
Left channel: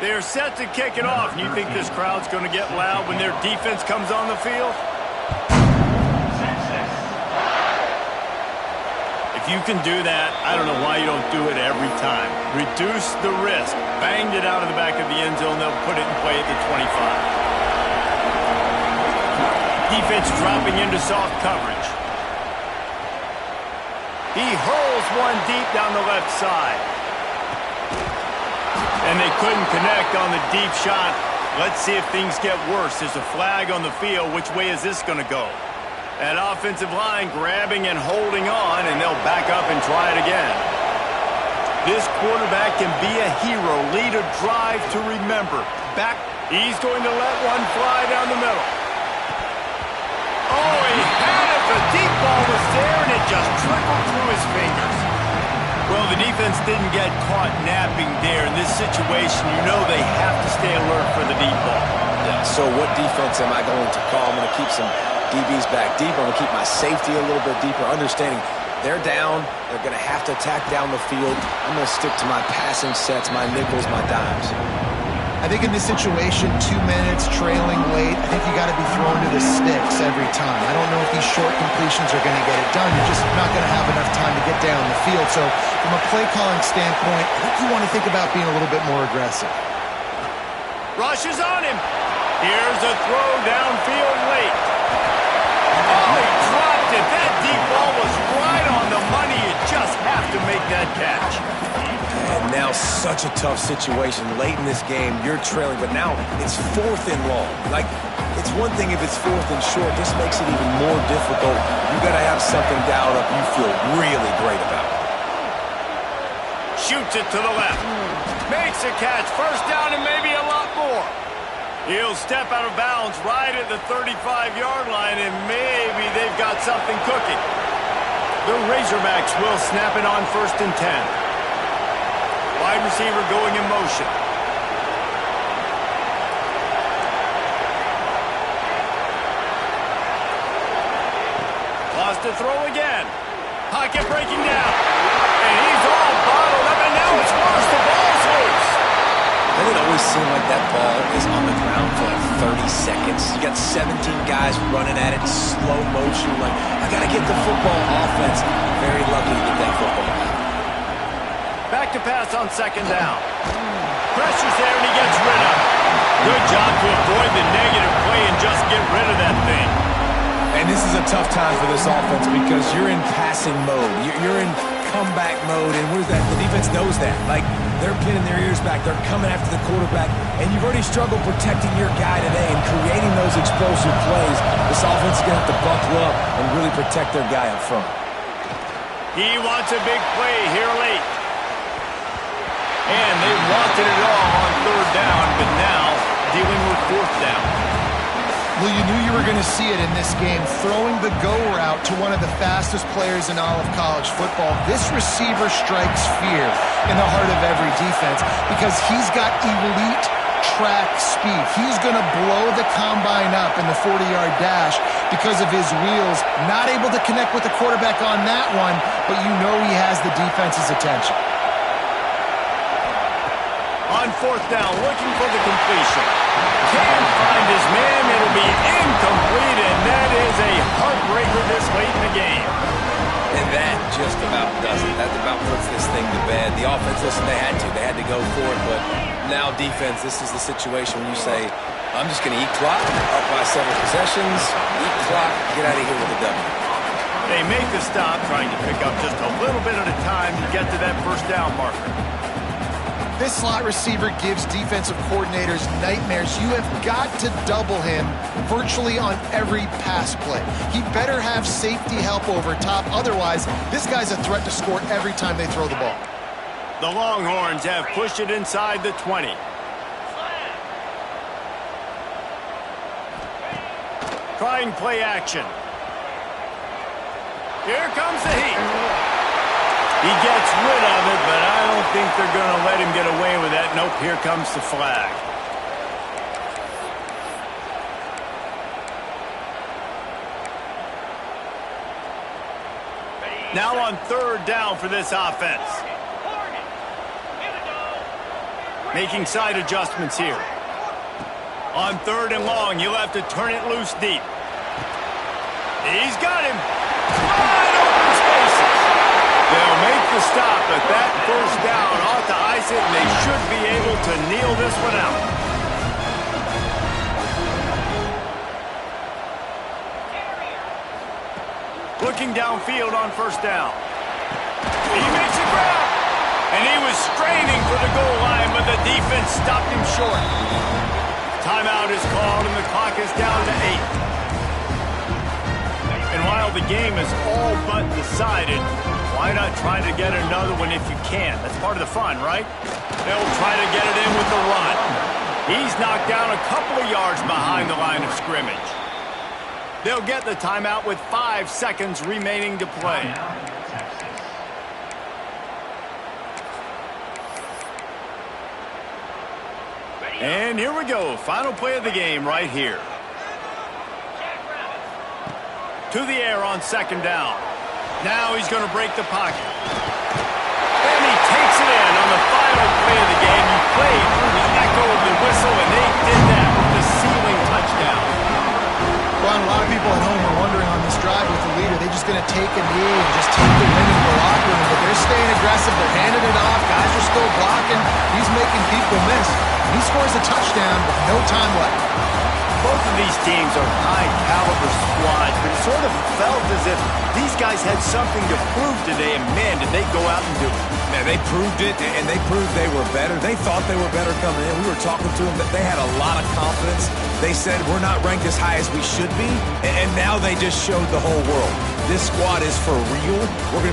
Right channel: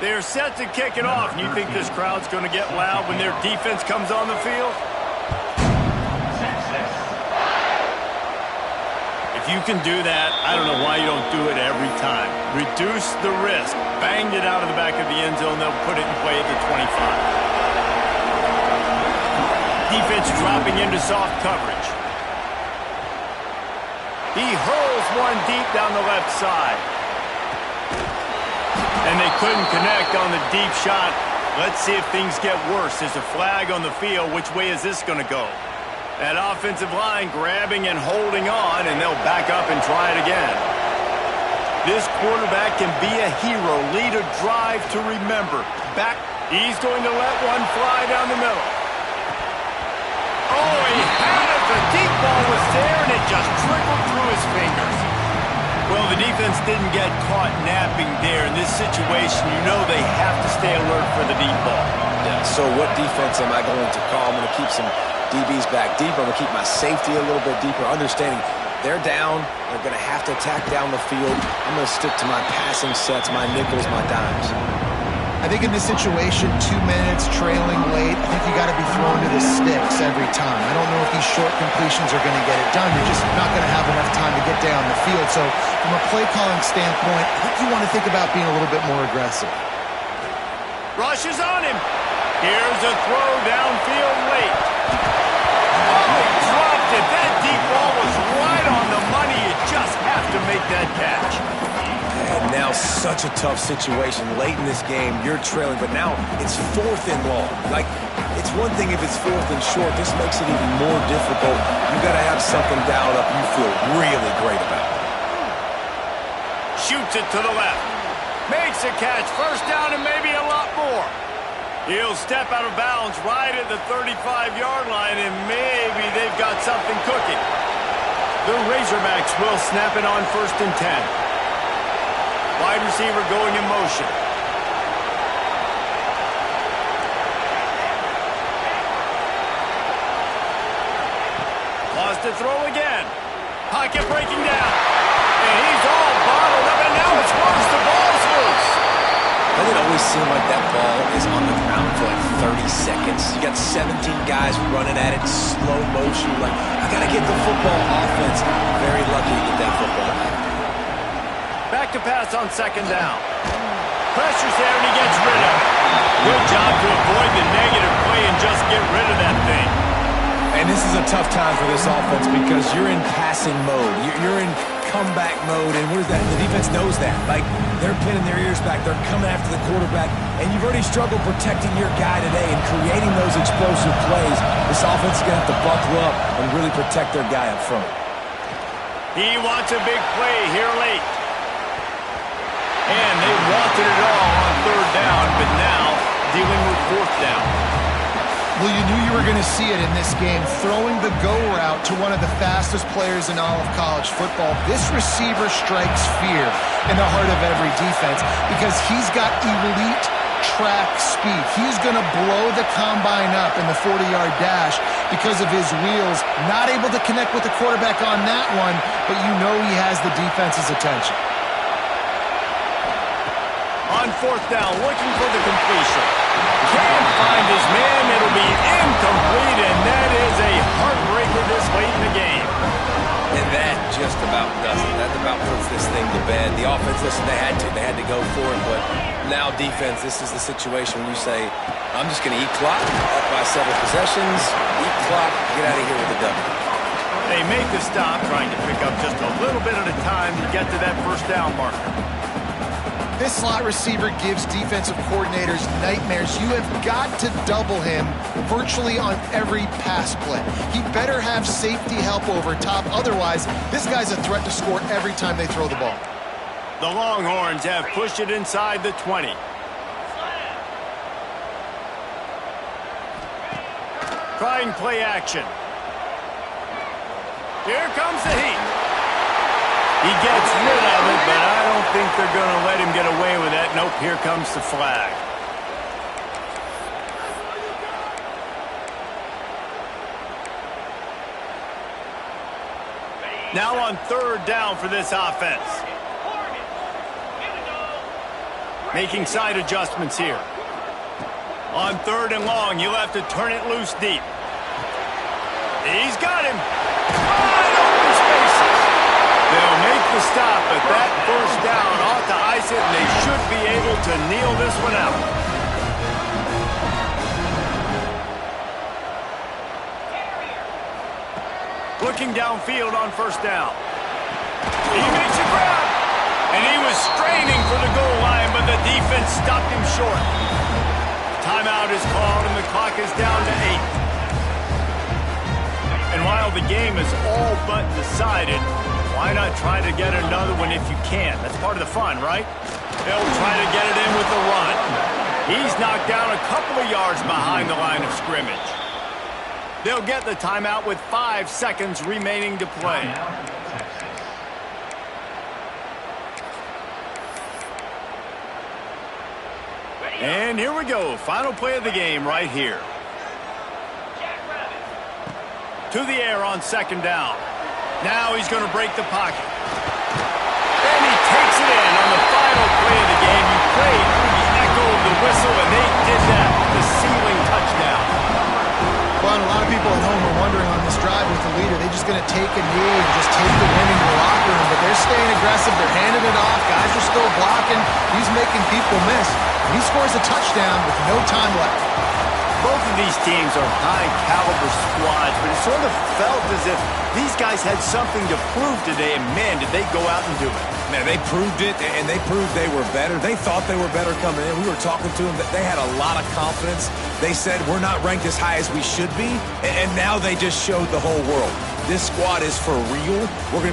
They're set to kick it off, and you think this crowd's going to get loud when their defense comes on the field? If you can do that, I don't know why you don't do it every time. Reduce the risk. Banged it out of the back of the end zone. They'll put it in play at the 25. Defense dropping into soft coverage. He hurls one deep down the left side. And they couldn't connect on the deep shot. Let's see if things get worse. There's a flag on the field. Which way is this going to go? That offensive line grabbing and holding on, and they'll back up and try it again. This quarterback can be a hero, lead a drive to remember. Back, he's going to let one fly down the middle. Oh, he had it. The deep ball was there, and it just trickled through his fingers. Well, the defense didn't get caught napping there. In this situation, you know they have to stay alert for the deep ball. Yeah, so what defense am I going to call? I'm going to keep some DBs back deeper. I'm going to keep my safety a little bit deeper, understanding they're down. They're going to have to attack down the field. I'm going to stick to my passing sets, my nickels, my dimes. I think in this situation, 2 minutes trailing late, I think you got to be thrown to the sticks every time. I don't know if these short completions are going to get it done. You're just not going to have enough time to get down the field. So from a play calling standpoint, I think you want to think about being a little bit more aggressive. Rush is on him. Here's a throw downfield late. Oh, he dropped it. That deep ball was right on the money. You just have to make that catch. And now such a tough situation. Late in this game, you're trailing, but now it's 4th and long. Like, it's one thing if it's 4th and short. This makes it even more difficult. You got to have something dialed up you feel really great about. Shoots it to the left. Makes a catch. First down and maybe a lot more. He'll step out of bounds right at the 35-yard line, and maybe they've got something cooking. The Razorbacks will snap it on 1st and 10. Wide receiver going in motion. has to throw again. Pocket breaking down. And he's all bottled up, and now it's worse. The ball's loose. Doesn't it always seem like that ball is on the ground for like 30 seconds? You got 17 guys running at it, slow motion. Like, I got to get the football. Offense, very lucky to get that football back. Back to pass on second down. Pressure's there, and he gets rid of it. Good job to avoid the negative play and just get rid of that thing. And this is a tough time for this offense because you're in passing mode. You're in comeback mode, and what is that? The defense knows that. Like, they're pinning their ears back. They're coming after the quarterback, and you've already struggled protecting your guy today and creating those explosive plays. This offense is going to have to buckle up and really protect their guy up front. He wants a big play here late. And they wanted it all on third down, but now dealing with fourth down. Well, you knew you were going to see it in this game, throwing the go route to one of the fastest players in all of college football. This receiver strikes fear in the heart of every defense because he's got elite track speed. He's going to blow the combine up in the 40-yard dash because of his wheels. Not able to connect with the quarterback on that one, but you know he has the defense's attention. On fourth down, looking for the completion. Can't find his man. It'll be incomplete, and that is a heartbreaker this late in the game. And that just about does it. That about puts this thing to bed. The offense, listen, they had to go for it, but now defense, this is the situation when you say, I'm just going to eat clock, up by several possessions, eat clock, get out of here with a W. They make the stop, trying to pick up just a little bit at a time to get to that first down marker. This slot receiver gives defensive coordinators nightmares. You have got to double him virtually on every pass play. He better have safety help over top. Otherwise, this guy's a threat to score every time they throw the ball. The Longhorns have pushed it inside the 20. Trying play action. Here comes the heat. He gets rid of it, but I don't think they're going to let him get away with that. Nope, here comes the flag. Now on third down for this offense. Making side adjustments here. On third and long, you'll have to turn it loose deep. He's got him. Wide open spaces. They'll make the stop, but that first down ought to ice it, and they should be able to kneel this one out. Looking downfield on first down. He makes a grab, and he was straining for the goal line, but the defense stopped him short. Timeout is called, and the clock is down to 8. And while the game is all but decided, why not try to get another one if you can? That's part of the fun, right? They'll try to get it in with the run. He's knocked down a couple of yards behind the line of scrimmage. They'll get the timeout with 5 seconds remaining to play. And here we go. Final play of the game right here. To the air on second down. Now he's going to break the pocket. And he takes it in on the final play of the game. You played through the echo of the whistle, and they did that with the ceiling touchdown. Well, and a lot of people at home are wondering on this drive with the leader, they just going to take a knee and just take the win in the locker room. But they're staying aggressive. They're handing it off. Guys are still blocking. He's making people miss. And he scores a touchdown with no time left. Both of these teams are high-caliber squads, but it sort of felt as if these guys had something to prove today, and man, did they go out and do it. Man, they proved it, and they proved they were better. They thought they were better coming in. We were talking to them, but they had a lot of confidence. They said, we're not ranked as high as we should be, and now they just showed the whole world. This squad is for real. We're going